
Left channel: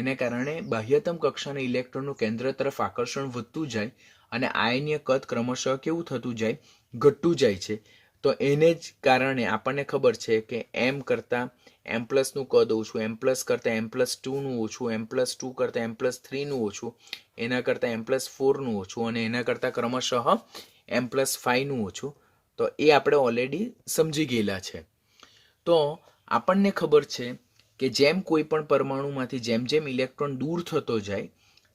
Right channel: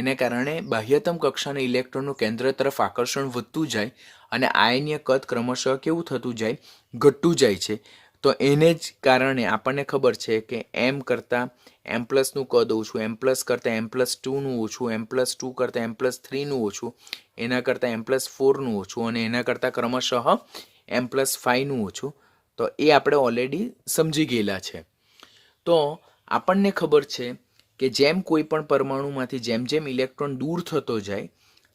એને કારણે બાહ્યતમ કક્ષાના ઇલેક્ટ્રોનનું કેન્દ્ર તરફ આકર્ષણ વધતું જાય અને આયનીય કદ ક્રમશઃ કેવું થતું જાય? ઘટતું જાય છે. તો એને જ કારણે આપણને ખબર છે કે M કરતાં M+નું કદ ઓછું, M+ કરતાં M+2નું ઓછું, M+2 કરતાં M+3નું ઓછું, એના કરતાં M+4નું ઓછું અને એના કરતાં ક્રમશઃ M+5નું ઓછું. તો એ આપણે ઓલરેડી સમજી ગયેલા છે. તો આપણને ખબર છે કે જેમ કોઈ પણ પરમાણુમાંથી જેમ જેમ ઇલેક્ટ્રોન દૂર થતો જાય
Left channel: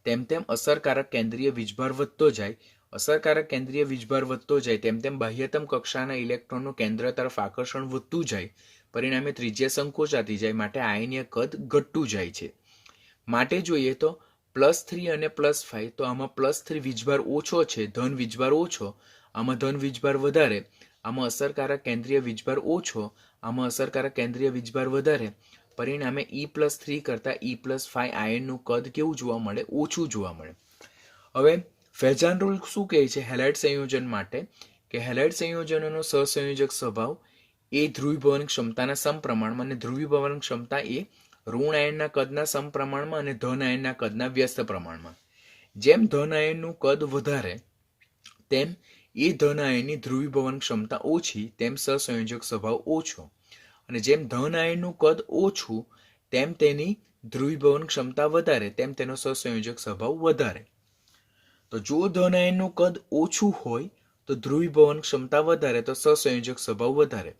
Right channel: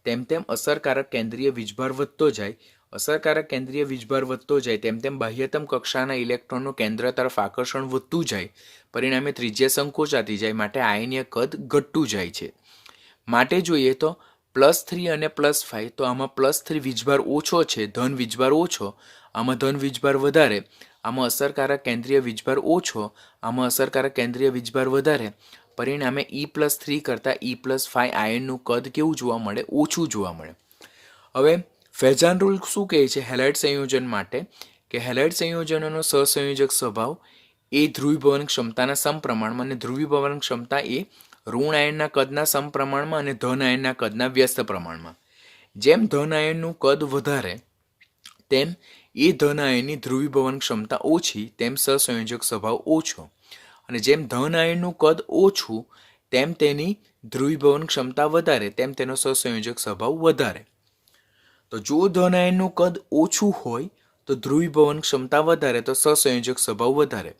તેમ તેમ અસરકારક કેન્દ્રીય વીજભાર વધતો જાય, અસરકારક કેન્દ્રીય વીજભાર વધતો જાય તેમ તેમ બાહ્યતમ કક્ષાના ઇલેક્ટ્રોનનું કેન્દ્ર તરફ આકર્ષણ વધતું જાય, પરિણામે ત્રિજ્યા સંકોચાતી જાય, માટે આયનીય કદ ઘટતું જાય છે. માટે જોઈએ તો +3 અને +5, તો આમાં +3 વીજભાર ઓછો છે, ધન વીજભાર ઓછો, આમાં ધન વીજભાર વધારે, આમાં અસરકારક કેન્દ્રીય વીજભાર ઓછો, આમાં અસરકારક કેન્દ્રીય વીજભાર વધારે, પરિણામે E+3 કરતાં E+5 આયનનું કદ કેવું જોવા મળે? ઓછું જોવા મળે. હવે ફેજાન રૂલ શું કહે છે હેલાઇડ સંયોજન માટે? કે હેલાઇડ સંયોજનોનો સહસંયોજક સ્વભાવ એ ધ્રુવીભવન ક્ષમતાના સમપ્રમાણમાં, અને ધ્રુવીભવન ક્ષમતા એ ઋણ આયનના કદના સમપ્રમાણમાં અને ધન આયનના કદના વ્યસ્ત પ્રમાણમાં. જેમ ધન આયનનું કદ વધારે તેમ એ ધન આયનની ધ્રુવીભવન ક્ષમતા ઓછી, તેમ સહસંયોજક સ્વભાવ ઓછો, અને જેમ ધન આયનનું કદ ઓછું તેમ તેની ધ્રુવીભવન ક્ષમતા વધારે, તેમ તેનો સહસંયોજક સ્વભાવ વધારે. તો જો ધન આયનનું કદ ઓછું હોય તો ધ્રુવીભવન ક્ષમતા વધારે, તો સહસંયોજક સ્વભાવ વધારે.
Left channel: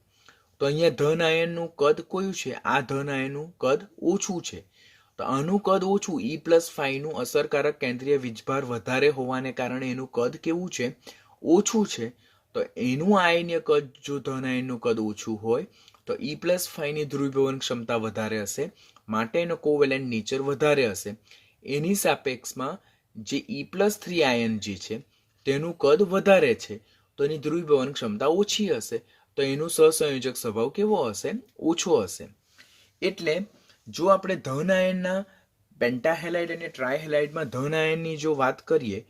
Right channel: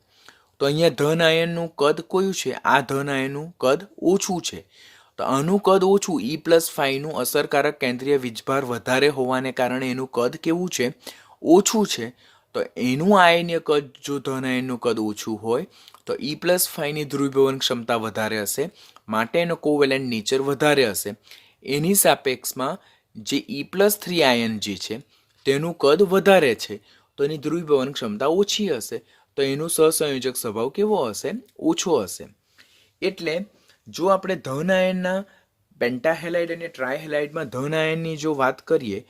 તો અહીંયા ધન આયનનું કદ કયું છે? આ ધન આયનનું કદ ઓછું છે. તો આનું કદ ઓછું, E+5નું અસરકારક કેન્દ્રીય વીજભાર વધારે હોવાને કારણે એનું કદ કેવું છે? ઓછું છે. તો એનું આયનીય કદ જો ધન આયનનું કદ ઓછું હોય તો E+5ની ધ્રુવીભવન ક્ષમતા વધારે હશે, માટે એનો કોવેલેન્ટ નેચર વધારે હશે. એની સાપેક્ષમાં જે E+3 આયન જે છે તેનું કદ વધારે છે, તો એની ધ્રુવીભવન ક્ષમતા ઓછી હશે, તો એનું સહસંયોજક સ્વભાવ કેવો હશે? ઓછો હશે. એટલે જો આપણે ધન આયનના પેન્ટાહેલાઇડ અને ટ્રાયહેલાઇડમાં ધન આયનની જો વાત કરીએ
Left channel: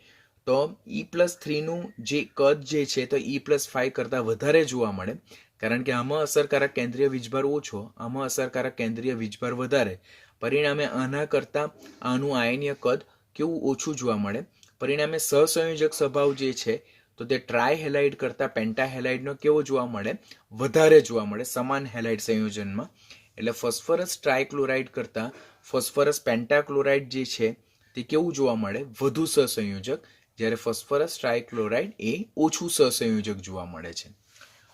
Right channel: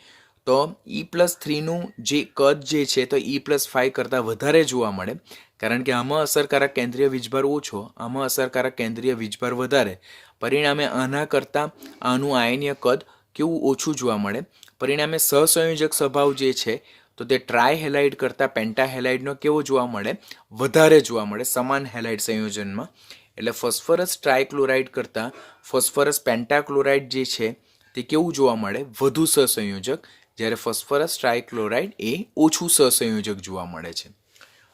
તો E+3નું જે કદ જે છે તો E+5 કરતાં વધારે જોવા મળે, કારણ કે આમાં અસરકારક કેન્દ્રીય વીજભાર ઓછો, આમાં અસરકારક કેન્દ્રીય વીજભાર વધારે, પરિણામે આના કરતાં આનું આયનીય કદ કેવું? ઓછું જોવા મળે. પરિણામે સહસંયોજક સ્વભાવ જે છે તો તે ટ્રાયહેલાઇડ કરતાં પેન્ટાહેલાઇડનો કેવો જોવા મળે? વધારે જોવા મળે સમાન હેલાઇડ સંયોજનમાં. એટલે ફોસ્ફરસ ટ્રાયક્લોરાઇડ કરતાં ફોસ્ફરસ પેન્ટાક્લોરાઇડ જે છે તે કેવું જોવા મળે? વધુ સહસંયોજક, જ્યારે ફોસ્ફરસ ટ્રાયક્લોરાઇડ એ ઓછું સહસંયોજક જોવા મળે છે.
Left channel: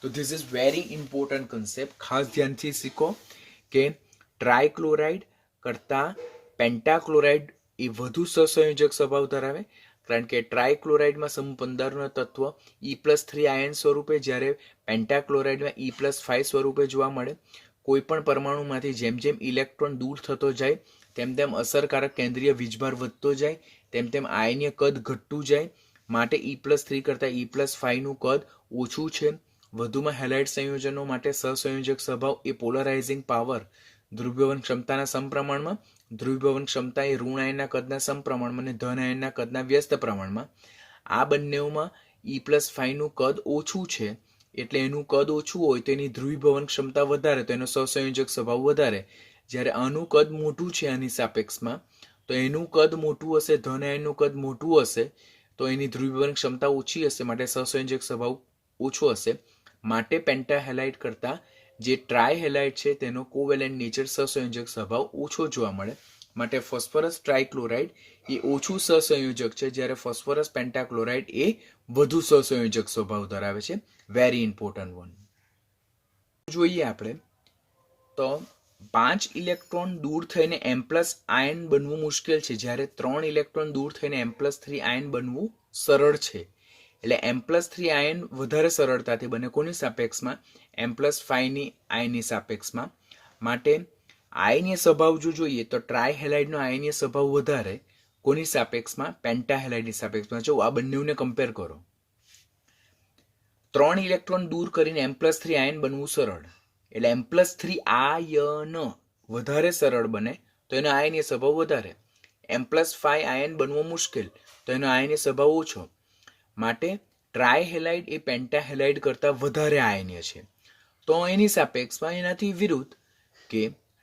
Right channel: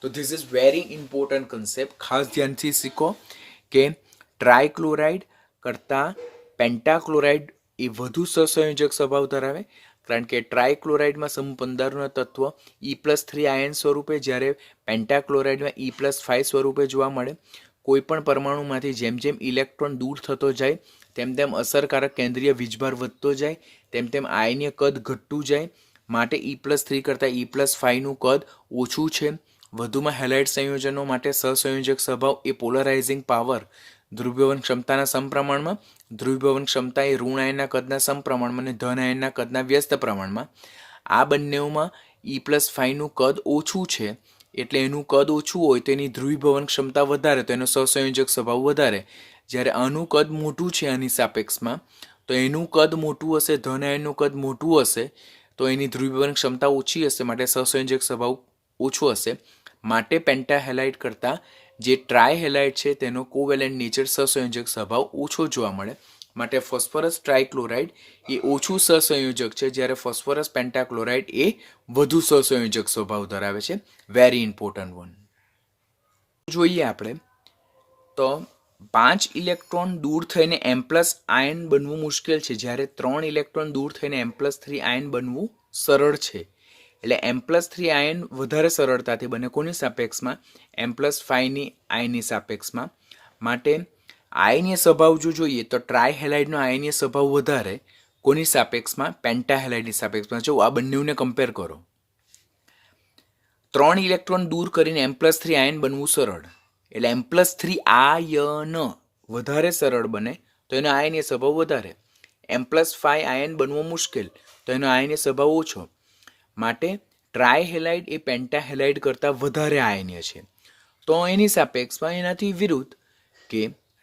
તો this is very important concept. ખાસ ધ્યાનથી શીખો કે ટ્રાયક્લોરાઇડ કરતાં પેન્ટાક્લોરાઇડ એ વધુ સહસંયોજક સ્વભાવ ધરાવે, કારણ કે ટ્રાયક્લોરાઇડમાં સમૂહ 15નો તત્વ E+3 આયન સ્વરૂપે, જ્યારે પેન્ટાક્લોરાઇડમાં E+5 સ્વરૂપે જોવા મળે. કોઈ પણ પરમાણુમાંથી જેમ જેમ ઇલેક્ટ્રોન દૂર થતો જાય તેમ તેમ અસરકારક કેન્દ્રીય વીજભાર વધતો જાય, તેમ તેમ આયનીય કદ ઘટતું જાય, માટે E+3 કરતાં E+5નું કદ ઓછું છે. વધુમાં હેલાઇડ સંયોજનો માટે સહસંયોજક સ્વભાવ એ પોલરાઇઝિંગ પાવર ધ્રુવીભવન ક્ષમતાના સમપ્રમાણમાં. ધ્રુવીભવન ક્ષમતા એ ઋણ આયનના કદના સમપ્રમાણમાં અને ધન આયનના કદના વ્યસ્ત પ્રમાણમાં. આ બંનેમાં E+5 નું કદ ઓછું છે, એટલે એનું કદ ઓછું હોય તો એની ધ્રુવીભવન ક્ષમતા વધારે, તો એનો સહસંયોજક સ્વભાવ વધારે. જ્યારે આનું કદ મોટું છે આની સાપેક્ષમાં, તો એનું કદ મોટું હશે, ધન આયનનું કદ મોટું હશે, તો એની ધ્રુવીભવન ક્ષમતા ઓછી હશે, માટે સહસંયોજક સ્વભાવ ઓછો હશે. માટે પેન્ટાહેલાઇડ કરતાં જે ટ્રાયહેલાઇડ છે તેનો કોવેલેન્ટ નેચર સહસંયોજક સ્વભાવ ઓછો જોવા મળે. માટે ફોસ્ફરસ ટ્રાયક્લોરાઇડ એ ઓછું સહસંયોજક છે, જ્યારે ફોસ્ફરસ પેન્ટાક્લોરાઇડ એ વધુ સહસંયોજક સ્વભાવ ધરાવે છે. Very important one. જોઈએ આપણે તો 5 ઇલેક્ટ્રોન દૂર થઈને M+ આયન બનવું મુશ્કેલ છે, જ્યારે 3 ઇલેક્ટ્રોન દૂર થઈને M+3 આયન બનવું સરળ છે. એટલે M+3 આયન વધારે સરળતાથી બને કોની સાપેક્ષમાં? M+5 ની આયનની સાપેક્ષમાં. માટે આયનીય સ્વભાવ જો જોઈએ તો ટ્રાયહેલાઇડનો આયનીય સ્વભાવ વધારે કોની સાપેક્ષમાં? પેન્ટાહેલાઇડની સાપેક્ષમાં. જો આ બંનેને કમ્પેર કરો, 3 ઇલેક્ટ્રોન દૂર કરીને M+3 આયન બનવું સરળ, એટલે M+3 આયન વધારે સરળ બને તો એનો આયનીય સ્વભાવ વધારે. M+5 આયન બનવો મુશ્કેલ તો એનો આયનીય સ્વભાવ ઓછો. માટે ટ્રાયહેલાઇડ એ પેન્ટાહેલાઇડ કરતાં વધારે આયનીય છે. તો એની સાપેક્ષમાં એનાથી વિરુદ્ધ કે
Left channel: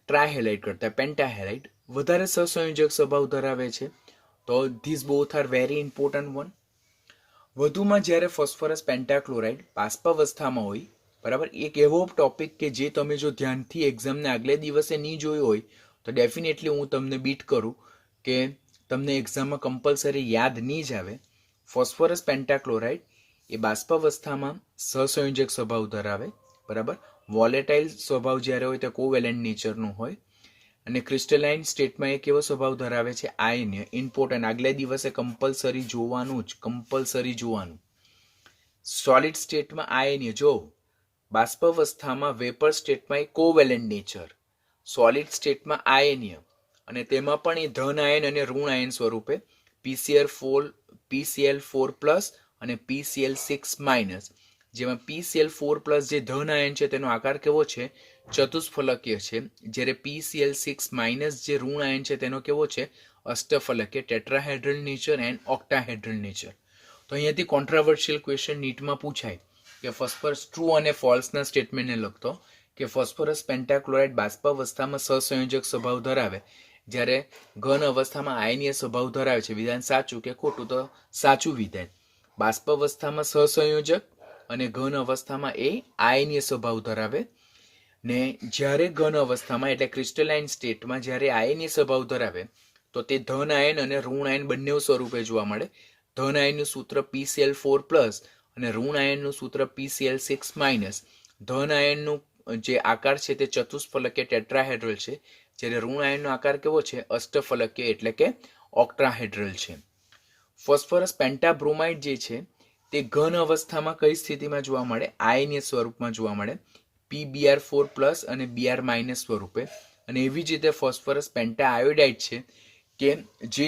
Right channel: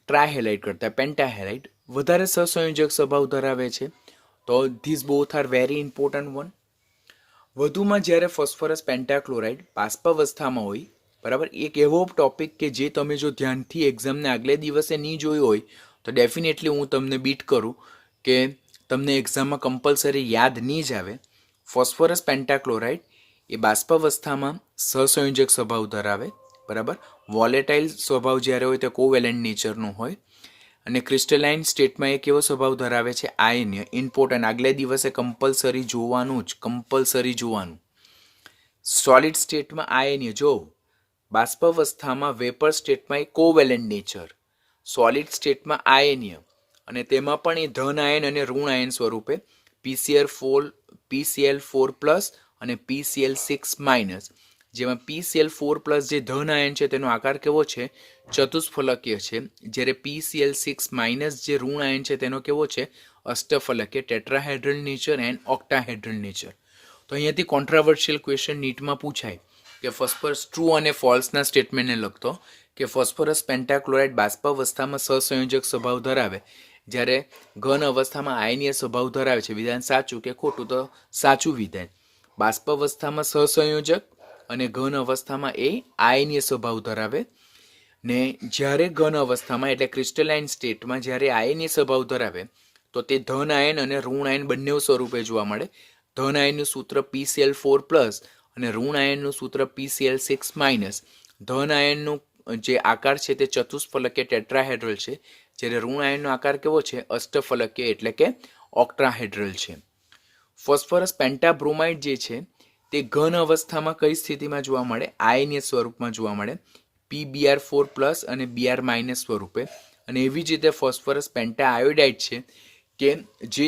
ટ્રાયહેલાઇડ કરતાં પેન્ટાહેલાઇડ વધારે સહસંયોજક સ્વભાવ ધરાવે છે. તો this both are very important one. વધુમાં જ્યારે ફોસ્ફરસ પેન્ટાક્લોરાઇડ બાષ્પાવસ્થામાં હોય, બરાબર, એક એવો ટોપિક કે જે તમે જો ધ્યાનથી એક્ઝામને આગલે દિવસે નહીં જોયું હોય તો ડેફિનેટલી હું તમને બીટ કરું કે તમને એક્ઝામમાં કમ્પલસરી યાદ નહીં જ આવે. ફોસ્ફરસ પેન્ટાક્લોરાઇડ એ બાષ્પાવસ્થામાં સહસંયોજક સ્વભાવ ધરાવે, બરાબર. વોલેટાઇલ સ્વભાવ જ્યારે હોય તે કોવેલેન્ટ નેચરનું હોય, અને ક્રિસ્ટલાઇન સ્ટેટમાં એ કેવો સ્વભાવ ધરાવે છે? આયનીય. ઇમ્પોર્ટન્ટ, આગલે દિવસે કમ્પલસરી જોવાનું જ, કમ્પલસરી જોવાનું. સોલિડ સ્ટેટમાં આયનીય. જો બાષ્પાવસ્થામાં વેપર સ્ટેટમાં એ કોવેલેન્ટ નેચર, સોલિડ સ્ટેટમાં આયનીય, અને તેમાં પણ એ ધન આયન અને ઋણ આયન સ્વરૂપે PCl4+ અને PCl6-, જેમાં PCl4+ જે ધન આયન છે તેનો આકાર કેવો છે? ચતુષ્ફલકીય છે, જ્યારે PCl6- જે ઋણ આયન છે તેનો કેવો છે? અષ્ટફલકીય, ટેટ્રાહેડ્રલ નેચર એન્ડ ઓક્ટાહેડ્રલ નેચર. તો અહીંયાથી કોન્ટ્રાવર્શિયલ ક્વેશ્ચન નીટમાં પૂછાય કે ફોસ્ફરસ ટ્રુ અને ફોલ્સના સ્ટેટમેન્ટને લગતો કે ફોસ્ફરસ પેન્ટાક્લોરાઇડ બાષ્પાવસ્થામાં સહસંયોજક સ્વભાવ ધરાવે, જ્યારે ઘન અવસ્થામાં આયનીય સ્વભાવ ધરાવે છે. વિધાન સાચું કે ખોટું? તો સાચું વિધાન. બાષ્પાવસ્થામાં સહસંયોજક અને ઘન અવસ્થામાં એ આયનીય સ્વભાવ ધરાવે, ને જ્યારે ઘન અવસ્થામાં એટલે ક્રિસ્ટલાઇન સ્ટેટમાં જ્યારે આયનીય સ્વભાવ ધરાવે તો તે ધન આયન અને ઋણ આયન બંને સ્વરૂપે જોવા મળે. ધન આયનનું સૂત્ર PCl4+ અને ઋણ આયનનું સૂત્ર PCl6-. ધન આયનનું જે આકાર છે તે ચતુષ્ફલકીય ટેટ્રાહેડ્રલ છે, જ્યારે ઋણ આયનનો આકાર કેવો છે? અષ્ટફલકીય એટલે કે ઓક્ટાહેડ્રલ છે. ફોસ્ફરસ પેન્ટાબ્રોમાઇડ જે છે તે ઘન અવસ્થામાં કઈ સ્થિતિમાં જોવા મળે? આયનીય સ્વરૂપમાં જોવા મળે, PbR4+ અને Br- સ્વરૂપે. અને એવી જ રીતે ફોસ્ફરસ પેન્ટા આયોડાઇડ છે કે જે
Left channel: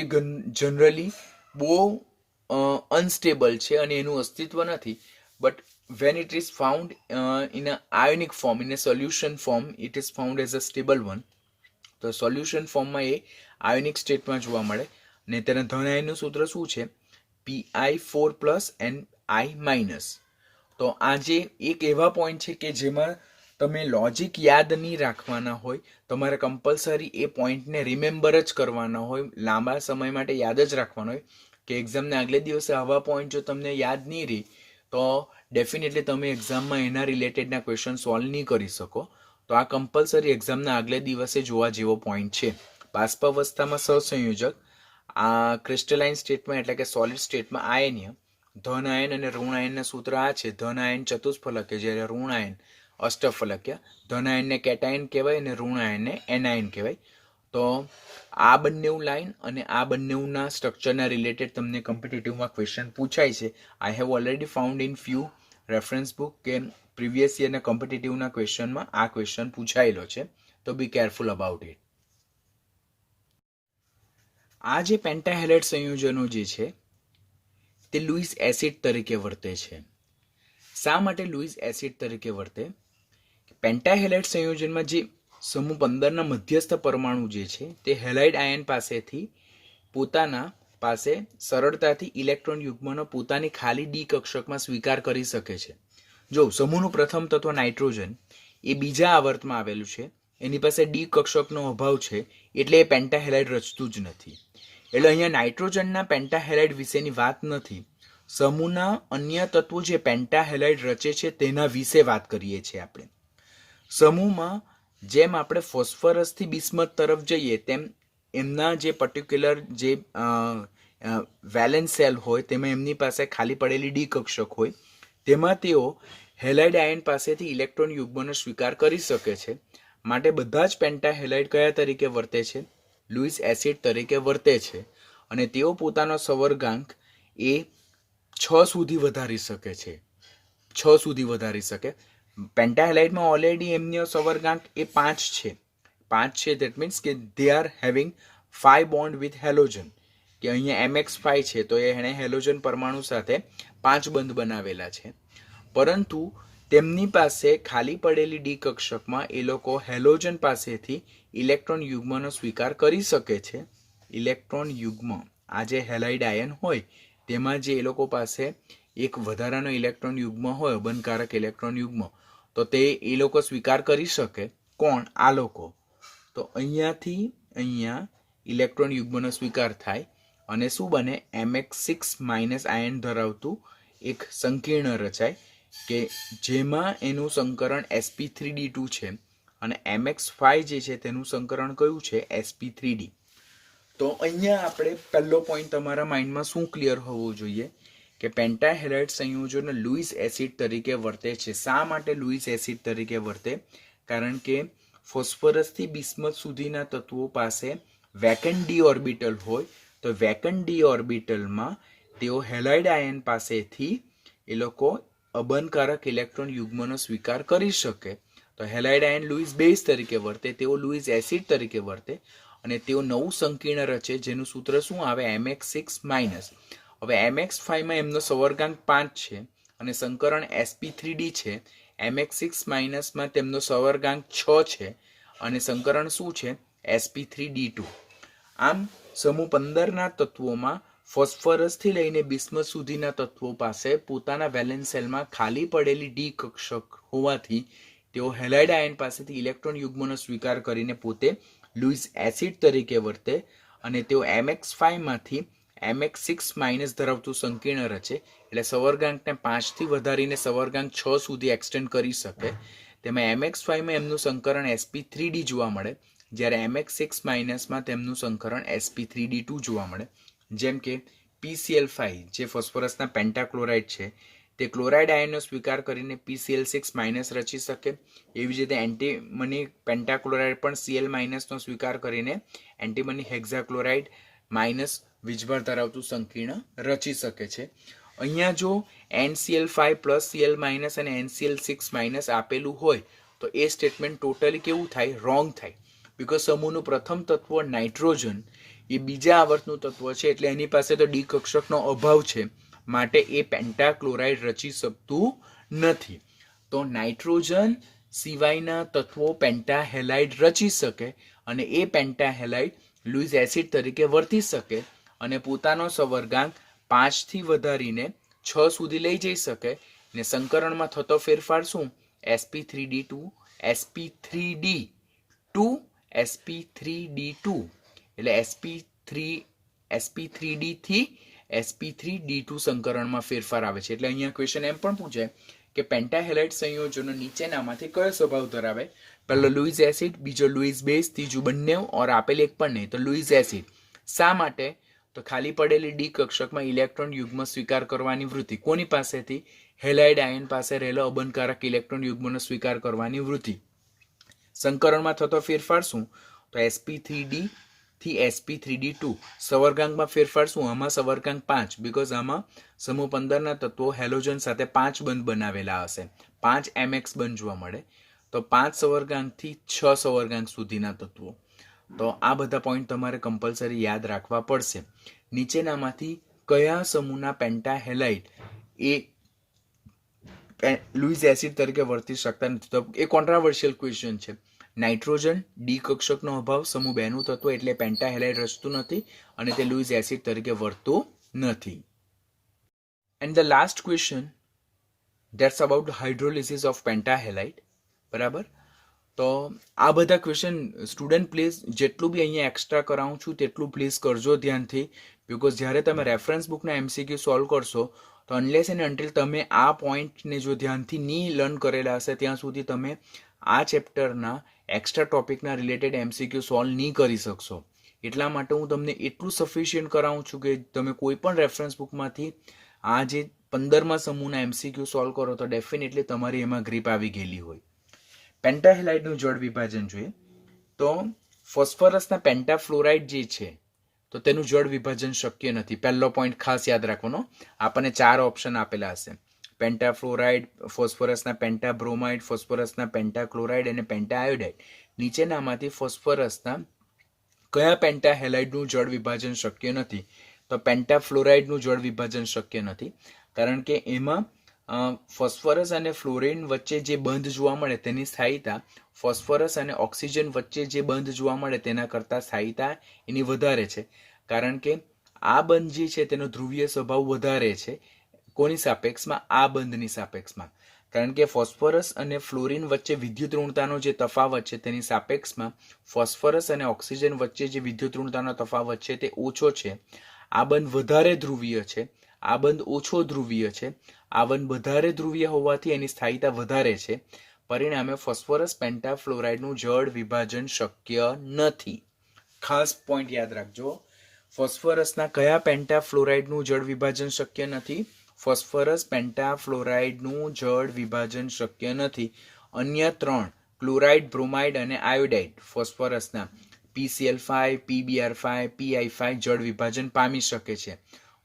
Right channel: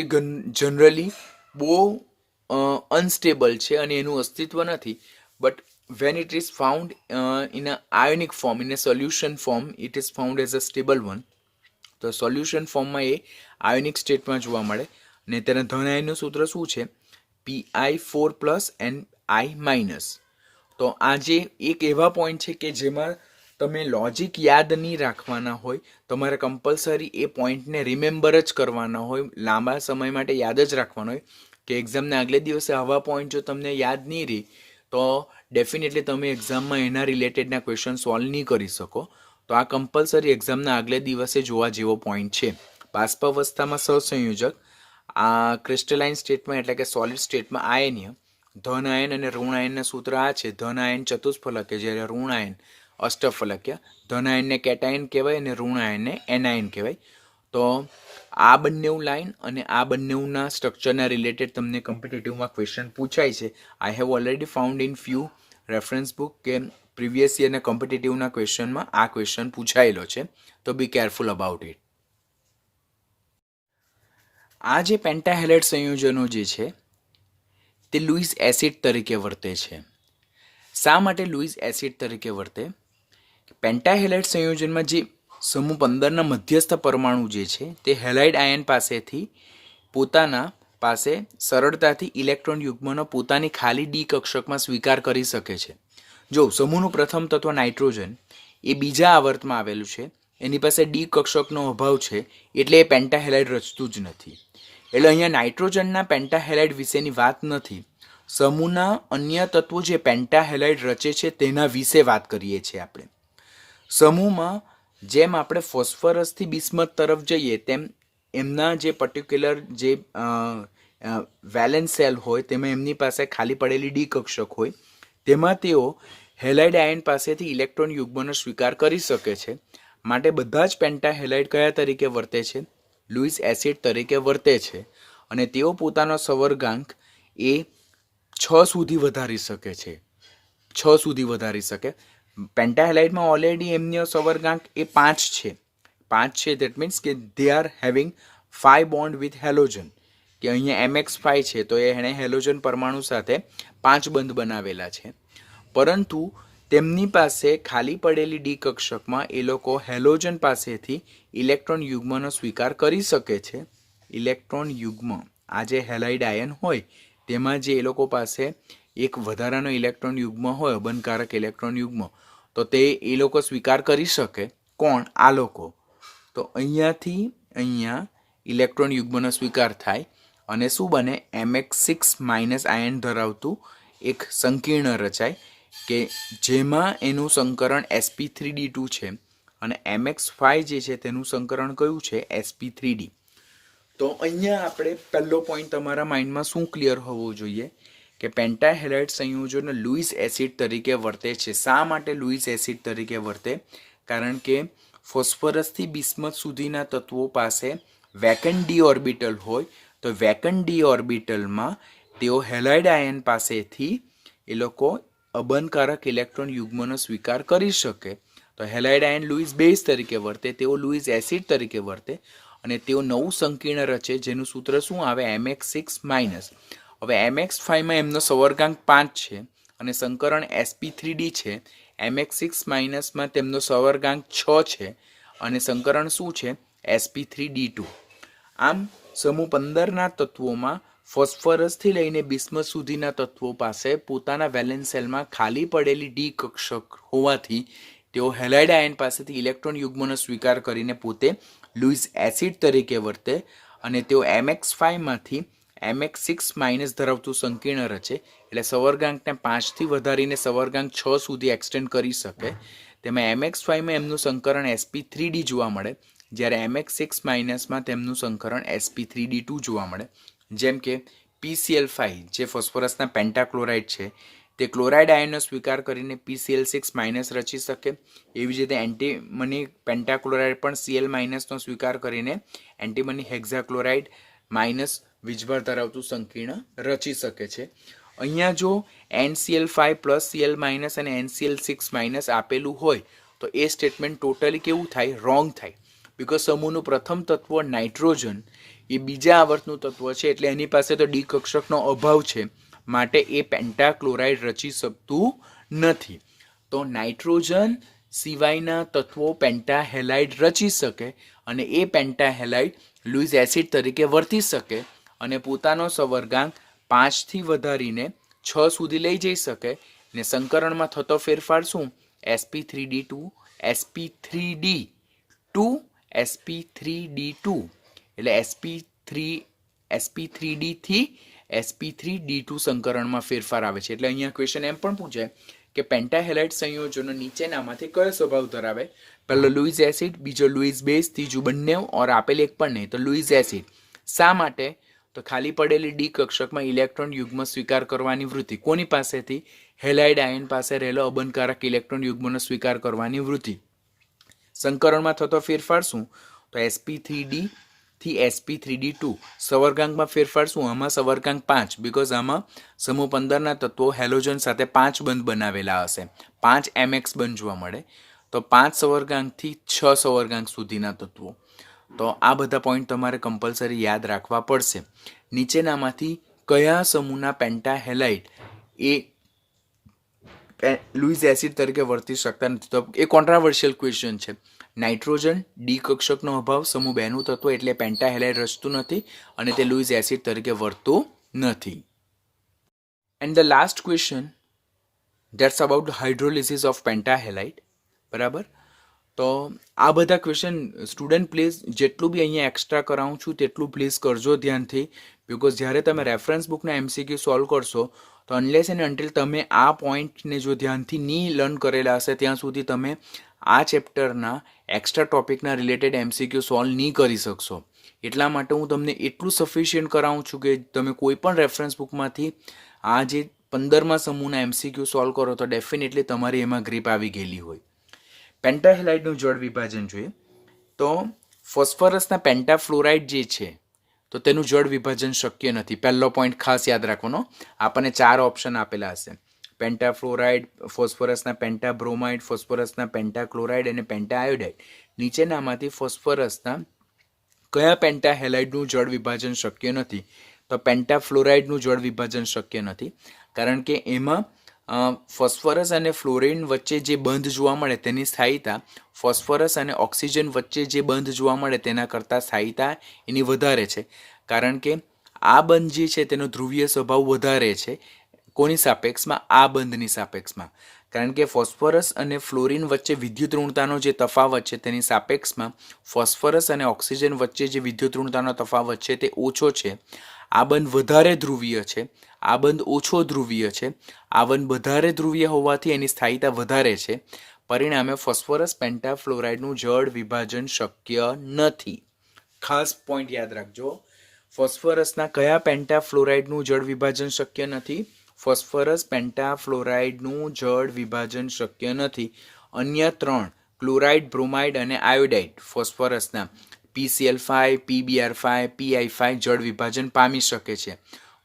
જનરલી બહુ અનસ્ટેબલ છે અને એનું અસ્તિત્વ નથી, but when it is found in a ionic form, in a solution form, it is found as a stable one. તો સોલ્યુશન ફોર્મમાં એ આયોનિક સ્ટેટમાં જોવા મળે, અને તેના ધન આયનનું સૂત્ર શું છે? Pi4+ and I-. તો આ જે એક એવા પોઈન્ટ છે કે જેમાં તમે લોજિક યાદ નહીં રાખવાના હોય, તમારે કમ્પલસરી એ પોઈન્ટને રિમેમ્બર જ કરવાના હોય, લાંબા સમય માટે યાદ જ રાખવાનો હોય કે એક્ઝામને આગલે દિવસે આવા પોઈન્ટ જો તમને યાદ નહીં રહી તો ડેફિનેટલી તમે એક્ઝામમાં એના રિલેટેડના ક્વેશ્ચન સોલ્વ નહીં કરી શકો. તો આ કમ્પલસરી એક્ઝામના આગલે દિવસે જોવા જેવો પોઈન્ટ છે. બાષ્પાવસ્થામાં સહસંયોજક, આ ક્રિસ્ટલાઇન સ્ટેટમાં એટલે કે સોલિડ સ્ટેટમાં આયનીય, ધન આયન અને ઋણ આયનના સૂત્ર આ છે. ધન આયન ચતુષ્ફલકીય, જ્યારે ઋણ આયન અષ્ટફલકીય. ધન આયનને કેટાયન કહેવાય અને ઋણ આયનને એનાયન કહેવાય. તો આ બંને લાઈન અને આ બંનેના સ્ટ્રક્ચરના રિલેટેડ તમને કોમ્પિટિટિવમાં ક્વેશ્ચન પૂછાય છે. I have already found in few reference book કે પ્રીવિયસ યરના કોમ્પિટિટિવના ક્વેશ્ચનમાં આ ક્વેશ્ચન પૂછાયેલો છે, તો બી કેરફુલ અબાઉટ ઇટ. આ જે પેન્ટાહેલાઇડ સંયોજનો જે છે તે લુઇસ એસિડ તરીકે વર્તે છે. શા માટે લુઇસ એસિડ તરીકે વર્તે? પેન્ટાહેલાઇડ સંયોજનમાં જે સમૂહ 15ના મધ્યસ્થ પરમાણુ જે છે તે હેલાઇડ આયન પાસેથી પોતાના પાસે સરળતાથી ઇલેક્ટ્રોન યુગ્મનો પોતાની ખાલી ડી કક્ષકમાં સ્વીકાર કરી શકે છે. જો સમૂહનું પ્રથમ તત્વ નાઇટ્રોજન એ બીજા આવર્તમાં આવેલું છે, એની પાસે ડી કક્ષકનો અભાવ છે, એટલે એ પેન્ટાહેલાઇડ રચતું જ નથી. એટલે અહીંયા નાઇટ્રોજનના પેન્ટાહેલાઇડ વિશેની વાત નથી, સમૂહના અન્ય તત્વો જે પેન્ટાહેલાઇડ રચે છે તેના વિશે વાત કરીએ છીએ આપણે. સમૂહમાં જેમ આપણે ફોસ્ફરસથી બિસ્મથ તરફ જઈએ તેમ એમના જે પર્ટિક્યુલર જે વેલેન્સ સેલ હોય તેમાં એમની પાસે ખાલી પડેલી ડી કક્ષક હોય, તેમાં તેઓ હેલાઇડ આયન પાસેથી ઇલેક્ટ્રોન યુગ્મનો સ્વીકાર કરી શકે છે. માટે બધા જ પેન્ટાહેલાઇડ કયા તરીકે વર્તે છે? લુઈસ એસિડ તરીકે વર્તે છે. અને તેઓ પોતાનો સંવર્ગાંક એ 6 સુધી વધારી શકે છે. 6 સુધી વધારી શકે. પેન્ટાહેલાઇડમાં ઓલરેડી એમનો સંવર્ગાંક એ 5 છે. 5 છે, દેટ મીન્સ કે they are having 5 bond with halogen, કે અહીંયા MX5 છે તો એણે હેલોજન પરમાણુ સાથે 5 બંધ બનાવેલા છે. પરંતુ તેમની પાસે ખાલી પડેલી ડી કક્ષકમાં એ લોકો હેલોજન પાસેથી ઇલેક્ટ્રોન યુગ્મનો સ્વીકાર કરી શકે છે. ઇલેક્ટ્રોન યુગ્મ, આ જે હેલાઇડ આયન હોય તેમાં જે એ લોકો પાસે એક વધારાનો ઇલેક્ટ્રોન યુગ્મ હોય, અબંધકારક ઇલેક્ટ્રોન યુગ્મ, તો તે એ લોકો સ્વીકાર કરી શકે. કોણ? આ લોકો. તો અહીંયાથી અહીંયા ઇલેક્ટ્રોન યુગ્મનો સ્વીકાર થાય અને શું બને? MX6- આયન ધરાવતું એક સંકીર્ણ રચાય, કે જેમાં એનું સંકરણ sp3d2 છે અને MX5 જે છે તેનું સંકરણ કયું છે? sp3d. તો અહીંયા આપણે પહેલો પોઈન્ટ તમારા માઇન્ડમાં શું ક્લિયર હોવો જોઈએ કે પેન્ટાહેલાઇડ સંયોજનો લુઈસ એસિડ તરીકે વર્તે છે. શા માટે લુઈસ એસિડ તરીકે વર્તે? કારણ કે ફોસ્ફરસથી બિસ્મથ સુધીના તત્વો પાસે વેકન્ટ ડી ઓર્બિટલ હોય, તો વેકન્ટ ડી ઓર્બિટલમાં તેઓ હેલાઇડ આયન પાસેથી એ લોકો અબંધકારક ઇલેક્ટ્રોન યુગ્મનો સ્વીકાર કરી શકે. તો હેલાઇડ આયન લુઈસ બેઝ તરીકે વર્તે, તેઓ લુઈસ એસિડ તરીકે વર્તે અને તેઓ નવું સંકીર્ણ રચે જેનું સૂત્ર શું આવે? MX6-. હવે MX5માં એમનો સંવર્ગાંક 5 છે અને સંકરણ sp3d છે. MX6- તેમનો સંવર્ગાંક 6 છે અને સંકરણ શું છે? sp3d2. આમ સમૂહ 15ના તત્વોમાં ફોસ્ફરસથી લઈને બિસ્મથ સુધીના તત્વો પાસે પોતાના વેલેન્સ સેલમાં ખાલી પડેલી ડી કક્ષક હોવાથી તેઓ હેલાઇડ આયન પાસેથી ઇલેક્ટ્રોન યુગ્મનો સ્વીકાર કરીને પોતે લુઈસ એસિડ તરીકે વર્તે અને તેઓ MX5માંથી MX6- ધરાવતું સંકીર્ણ રચે, એટલે સંવર્ગાંકને 5થી વધારીને સંવર્ગાંક 6 સુધી એક્સટેન્ડ કરી શકે. તેમાં MX5માં એમનું સંકરણ sp3d જોવા મળે, જ્યારે MX6- તેમનું સંકરણ sp3d2 જોવા મળે. જેમ કે PCl5 જે ફોસ્ફરસના પેન્ટાક્લોરાઇડ છે તે ક્લોરાઇડ આયનનો સ્વીકાર કરીને PCl6- રચી શકે. એવી જ રીતે એન્ટીમની પેન્ટાક્લોરાઇડ પણ Cl- નો સ્વીકાર કરીને એન્ટીમની હેક્ઝાક્લોરાઇડ માઇનસ વીજભાર ધરાવતું સંકીર્ણ રચી શકે છે. અહીંયા જો NCl5 Cl- અને NCl6- આપેલું હોય તો એ સ્ટેટમેન્ટ ટોટલી કેવું થાય? રોંગ થાય. બીકોઝ સમૂહનું પ્રથમ તત્વ નાઇટ્રોજન એ બીજા આવર્તનું તત્વ છે, એટલે એની પાસે તો ડી કક્ષકનો અભાવ છે, માટે એ પેન્ટાક્લોરાઇડ રચી શકતું નથી. તો નાઇટ્રોજન સિવાયના તત્વો પેન્ટાહેલાઇડ રચી શકે અને એ પેન્ટાહેલાઇડ લુઈસ એસિડ તરીકે વર્તી શકે અને પોતાનો સંવર્ગાંક 5થી વધારીને 6 સુધી લઈ જઈ શકે. ને સંકરણમાં થતો ફેરફાર શું? sp3d2 sp3d2 sp3d2 એટલે sp3d થી sp3d2 સંકરણમાં ફેરફાર આવે છે. એટલે અહીંયા ક્વેશ્ચન એમ પણ પૂછાય કે પેન્ટાહેલાઇડ સંયોજનો નીચેનામાંથી કયો સ્વભાવ ધરાવે? પહેલો લુઈસ એસિડ, બીજો લુઈસ બેઝ, ત્રીજું બંને ઓર આપેલ એક પણ નહીં, તો લુઈસ એસિડ. શા માટે? તો ખાલી પડેલી ડી કક્ષકમાં ઇલેક્ટ્રોન યુગ્મ સ્વીકાર કરવાની વૃત્તિ. કોની પાસેથી? હેલાઇડ આયન પાસે રહેલો અબંધકારક ઇલેક્ટ્રોન યુગ્મનો સ્વીકાર કરવાની વૃત્તિ. સંકરણમાં થતો ફેરફાર શું? તો sp3d થી sp3d2. સંવર્ગાંકમાં ફેરફાર શું? આમાં સંવર્ગાંક 5, બીકોઝ આમાં સમૂહ 15ના તત્વો હેલોજન સાથે 5 બંધ બનાવેલા હશે. 5 MX બંધ જોવા મળે. તો 5 સંવર્ગાંકથી 6 સંવર્ગાંક સુધીના તત્વો. તો આ બધા પોઈન્ટ તમારે કમ્પલસરી યાદ રાખવા પડશે. નીચેનામાંથી કયા સમૂહના પેન્ટાહેલાઇડ એ લુઈસ એસિડ તરીકે વર્તી શકતા નથી? તો એ કોન્ટ્રાવર્શિયલ ક્વેશ્ચન છે. નાઇટ્રોજન ડી કક્ષકનો અભાવ સમૂહ 2 નું તત્વ એટલે પેન્ટાહેલાઇડ રચતું નથી અને તે લુઇસ એસિડ તરીકે વર્તું નથી. And the last question that's about hydrolysis of pentahalide. બરાબર. તો આ બધા ક્વેશ્ચન સ્ટુડન્ટ પ્લીઝ જેટલું બી અહીંયા એક્સ્ટ્રા કરાવું છું તેટલું પ્લીઝ કરજો ધ્યાનથી, બિકોઝ જ્યારે તમે રેફરન્સ બુકના MCQ સોલ્વ કરશો તો અનલેસ એન્ડ અન્ટિલ તમે આ પોઈન્ટને જો ધ્યાનથી નહીં લર્ન કરેલા હશે ત્યાં સુધી તમે આ ચેપ્ટરના એક્સ્ટ્રા ટોપિકના રિલેટેડ MCQ સોલ્વ નહીં કરી શકશો. એટલા માટે હું તમને એટલું સફિશિયન્ટ કરાવું છું કે તમે કોઈ પણ રેફરન્સ બુકમાંથી આ જે 15મા સમૂહના MCQ સોલ્વ કરો તો ડેફિનેટલી તમારી એમાં ગ્રીપ આવી ગયેલી હોય. પેન્ટાહેલાઇડનું જળ વિભાજન જોઈએ તો ફોસ્ફરસના પેન્ટાફ્લોરાઇડ જે છે તો તેનું જળ વિભાજન શક્ય નથી. પહેલો પોઈન્ટ ખાસ યાદ રાખવાનો. આપણને 4 ઓપ્શન આપેલા હશે: પેન્ટાફ્લોરાઇડ, ફોસ્ફરસના પેન્ટાબ્રોમાઇડ, ફોસ્ફરસના પેન્ટાક્લોરાઇડ અને પેન્ટાઆયોડાઇડ. નીચેનામાંથી ફોસ્ફરસના કયા પેન્ટાહેલાઇડનું જળ વિભાજન શક્ય નથી? તો પેન્ટાફ્લોરાઇડનું જળ વિભાજન શક્ય નથી, કારણ કે એમાં ફોસ્ફરસ અને ફ્લોરિન વચ્ચે જે બંધ જોવા મળે તેની સ્થાયીતા ફોસ્ફરસ અને ઓક્સિજન વચ્ચે જે બંધ જોવા મળે તેના કરતાં સ્થાયીતા એની વધારે છે, કારણ કે આ બંધ જે છે તેનો ધ્રુવીય સ્વભાવ વધારે છે. કોની સાપેક્ષમાં? આ બંધની સાપેક્ષમાં. કારણ કે ફોસ્ફરસ અને ફ્લોરિન વચ્ચે વિદ્યુત ઋણતાનો જે તફાવત છે તેની સાપેક્ષમાં ફોસ્ફરસ અને ઓક્સિજન વચ્ચે જે વિદ્યુત ઋણતાનો તફાવત છે તે ઓછો છે. આ બંધ વધારે ધ્રુવીય છે, આ બંધ ઓછો ધ્રુવીય છે. આ બંધ વધારે ધ્રુવીય હોવાથી એની સ્થાયીતા વધારે છે. પરિણામે ફોસ્ફરસ પેન્ટાફ્લોરાઇડનું જળ વિભાજન શક્ય નથી. ખાસ પોઈન્ટ યાદ રાખજો. ફોસ્ફરસના કયા પેન્ટાફ્લોરાઇડનું જળ વિભાજન શક્ય નથી? ફોસ્ફરસ પેન્ટાફ્લોરાઇડનું જળ વિભાજન શક્ય નથી. અન્ય 3 ક્લોરાઇડ, બ્રોમાઇડ અને આયોડાઇડ ફોસ્ફરસના PCl5, PBr5, PI5 જળ વિભાજન પામી શકે છે.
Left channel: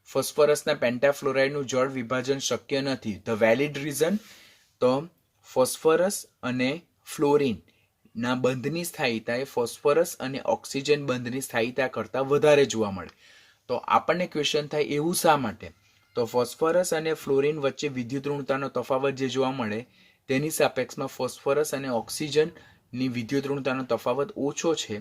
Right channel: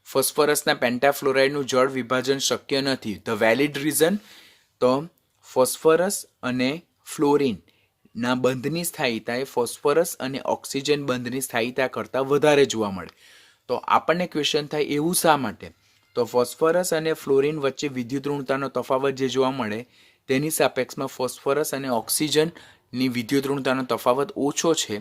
ફોસ્ફરસના પેન્ટાફ્લોરાઇડનું જળ વિભાજન શક્ય નથી. ધ વેલિડ રીઝન તો ફોસ્ફરસ અને ફ્લોરિનના બંધની સ્થાયીતા એ ફોસ્ફરસ અને ઓક્સિજન બંધની સ્થાયીતા કરતાં વધારે જોવા મળે. તો આપણને ક્વેશ્ચન થાય એવું શા માટે? તો ફોસ્ફરસ અને ફ્લોરિન વચ્ચે વિદ્યુત ઋણતાનો તફાવત જે જોવા મળે તેની સાપેક્ષમાં ફોસ્ફરસ અને ઓક્સિજનની વિદ્યુત ઋણતાનો તફાવત ઓછો છે,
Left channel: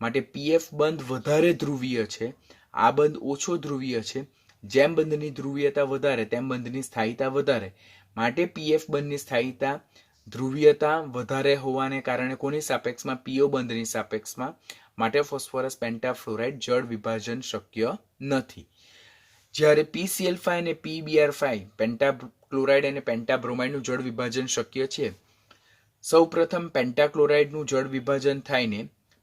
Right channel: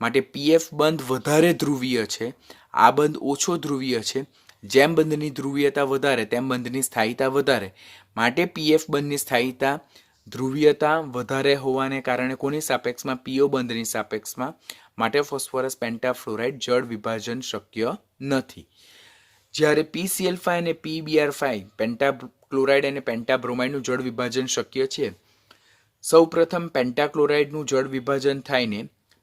માટે PF બંધ વધારે ધ્રુવીય છે, આ બંધ ઓછો ધ્રુવીય છે. જેમ બંધની ધ્રુવીયતા વધારે તેમ બંધની સ્થાયીતા વધારે, માટે PF બંધની સ્થાયીતા ધ્રુવીયતા વધારે હોવાને કારણે કોની સાપેક્ષમાં? PO બંધની સાપેક્ષમાં. માટે ફોસ્ફરસ પેન્ટાફ્લોરાઇડ જળ વિભાજન શક્ય નથી. જ્યારે PCl5 અને PBr5 પેન્ટાક્લોરાઇડ અને પેન્ટાબ્રોમાઇડનું જળ વિભાજન શક્ય છે. સૌપ્રથમ પેન્ટાક્લોરાઇડનું જળ વિભાજન થાયને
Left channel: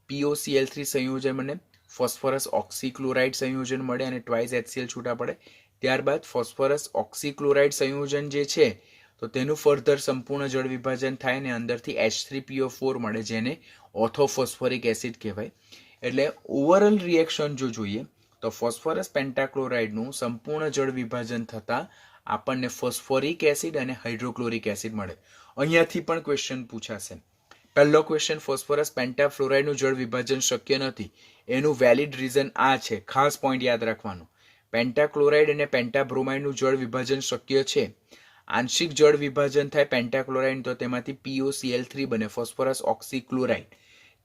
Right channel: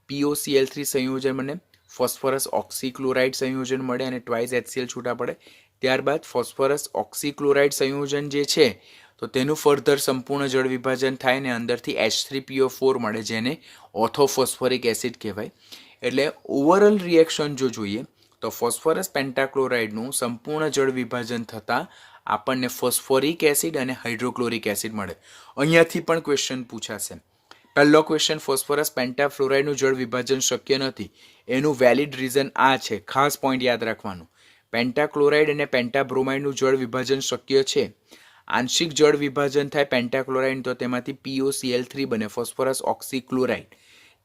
POCl3 સંયોજન બને, ફોસ્ફરસ ઓક્સીક્લોરાઇડ સંયોજન મળે અને ટ્વાઇસ HCl છૂટા પડે. ત્યારબાદ ફોસ્ફરસ ઓક્સીક્લોરાઇડ સંયોજન જે છે તો તેનું ફર્ધર સંપૂર્ણ જળ વિભાજન થાય ને અંદરથી H3PO4 મળે, જેને ઓર્થોફોસ્ફોરિક એસિડ કહેવાય. એટલે ઓવરઓલ રિએક્શન જો જોઈએ તો ફોસ્ફરસ પેન્ટાક્લોરાઇડનું સંપૂર્ણ જળ વિભાજન થતાં આપણને ફોસ્ફોરિક એસિડ અને હાઇડ્રોક્લોરિક એસિડ મળે. અહીંયાથી પણ ક્વેશ્ચન પૂછાશે. પહેલો ક્વેશ્ચન, ફોસ્ફરસ પેન્ટાફ્લોરાઇડનું જળ વિભાજન શક્ય નથી. એનું વેલિડ રીઝન આ છે. ખાસ પોઈન્ટ યાદ રાખવાનું. પેન્ટાક્લોરાઇડ અને પેન્ટાબ્રોમાઇડનું જળ વિભાજન શક્ય છે. આંશિક જળ વિભાજન થાય પેન્ટાક્લોરાઇડ તો તેમાંથી POCl3 બને, ફોસ્ફરસ ઓક્સીક્લોરાઇડ.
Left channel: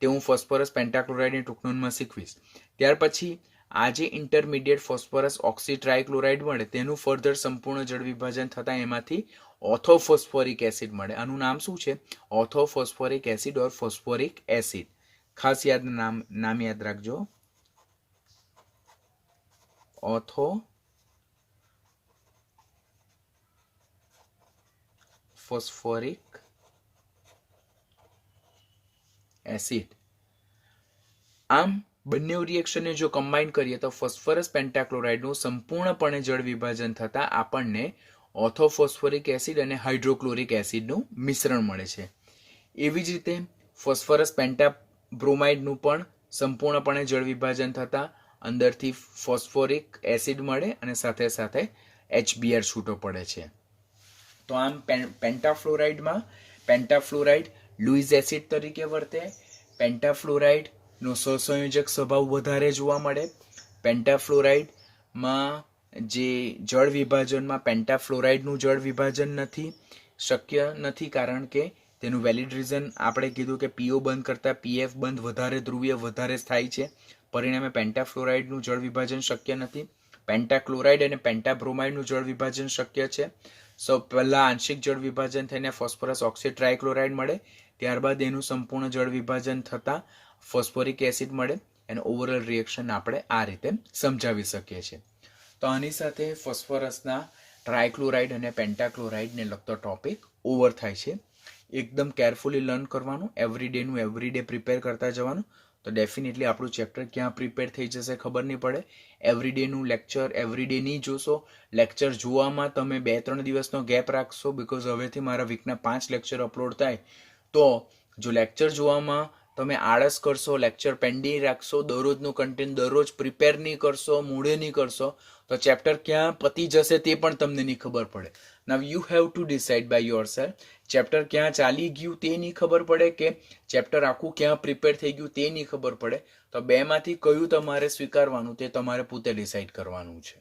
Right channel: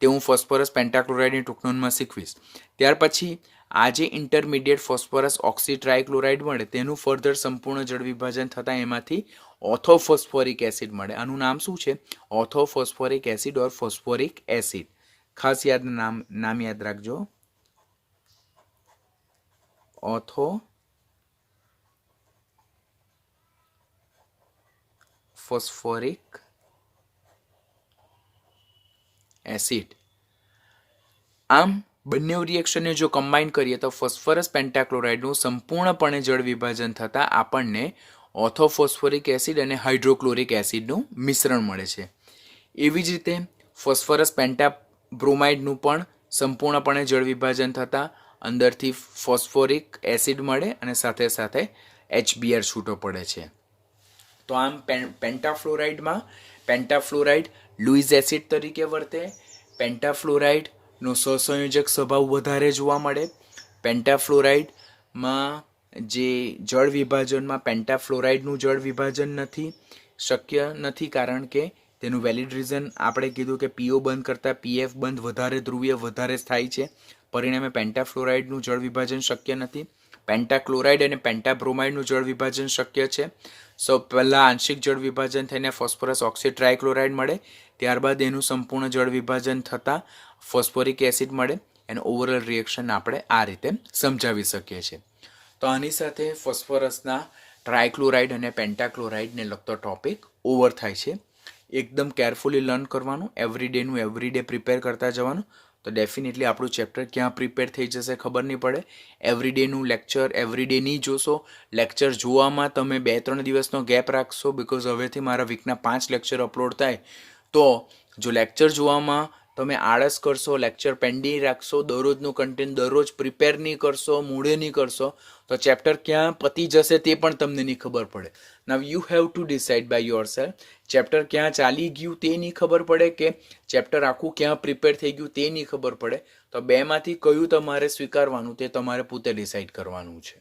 તે હું ફોસ્ફરસ પેન્ટાક્લોરાઇડની ટૂંકનોંધમાં શીખવીશ. ત્યાર પછી આ જે ઇન્ટરમીડિયેટ ફોસ્ફરસ ઓક્સી ટ્રાયક્લોરાઇડ મળે તેનું ફર્ધર સંપૂર્ણ જળ વિભાજન થતાં એમાંથી ઓર્થોફોસ્ફોરિક એસિડ મળે. આનું નામ શું છે? ઓર્થોફોસ્ફોરિક એસિડ ઓર ફોસ્ફોરિક એસિડ. ખાસ નામ યાદ રાખજો. ઓર્થોફોસ્ફોરિક એસિડ. આમ બંને રિએક્શનને જો કમ્બાઈન કરીએ તો ફોસ્ફરસ પેન્ટાક્લોરાઇડનું સંપૂર્ણપણે જળ વિભાજન થતાં આપણને ઓર્થોફોસ્ફોરિક એસિડ અને હાઇડ્રોક્લોરિક એસિડનું મિશ્રણ મળે છે. એવી જ રીતે ફોસ્ફરસ પેન્ટાબ્રોમાઇડનું પણ સંપૂર્ણપણે જળ વિભાજન થતાં અંદરથી ફોસ્ફોરિક એસિડ મળે અને સાથે સાથે HBr છૂટો પડે છે. તો આમ પેન્ટાફ્લોરાઇડમાં પેન્ટાફ્લોરાઇડ લુઇસ એસિડ તરીકે વર્તે. પેન્ટાફ્લોરાઇડનો સહસંયોજક સ્વભાવ વધારે જોવા મળે. પેન્ટાફ્લોરાઇડમાં જે જળ વિભાજનમાં પેન્ટાફ્લોરાઇડનું જળ વિભાજન શક્ય નથી, કારણ કે તેનું વેલિડ રીઝન આપણે કીધું કે પીઓ બંધ કરતાં પીએફ બંધ વધારે ધ્રુવીય વધારે સ્થાયી છે, પરિણામે પેન્ટાફ્લોરાઇડનું જળ વિભાજન શક્ય નથી. પેન્ટાક્લોરાઇડ અને પેન્ટાબ્રોમાઇડનું જળ વિભાજન શક્ય છે. પહેલાં આંશિક જળ વિભાજન થઈને ફોસ્ફરસ ઓક્સાઇડ ટ્રાયક્લોરાઇડ મળે, ત્યારબાદ એનું સંપૂર્ણ જળ વિભાજન થતાં ફોસ્ફોરિક એસિડ મળે. એનું ઓવરઓલ રિએક્શન આપણે આ રીતે સમજાવી શકીએ છીએ. તો આની સાથે ફોસ્ફરસના ટ્રાયક્લોરાઇડ અને પેન્ટાક્લોરાઇડને લગતો ટોપિક ઓવર થાય છે. એકદમ કેરફુલી લર્ન કરવાનું, એવરીડેનું એવરીડે પ્રિપેર કરતા જવાનું. તો ડેફિનેટલી આપણું ચેપ્ટર ક્યાં પ્રિપેર થઈ જશે ખબર નહીં પડે. એવરીડેનું લેક્ચર એવરીડે નહીં જોશો, લેક્ચર જોવામાં તમે 2-3 દિવસનો ગેપ રાખશો, બિકોઝ હવેથી મારા વીકના 5 લેક્ચર અપલોડ થાય. તો જો લેક્ચર જોવામાં તમે આળસ કરશો, લેક્ચર પેન્ડિંગ રાખશો, દરરોજનું કન્ટેન્ટ દરરોજ પ્રિપેર નહીં કરશો, મૂળે નહીં કરશો, તો ચેપ્ટર ક્યાં પતી જશે તે પણ તમને નહીં ખબર પડે. Now you have to decide by yourself. Chapter ક્યાં ચાલી ગયું તે નહીં ખબર પડે કે ચેપ્ટર આખું ક્યાં પ્રિપેર થઈ ગયું તે નહીં ખબર પડે. તો બેમાંથી કયું તમારે સ્વીકારવાનું તે તમારે પોતે ડિસાઇડ કરવાનું છે.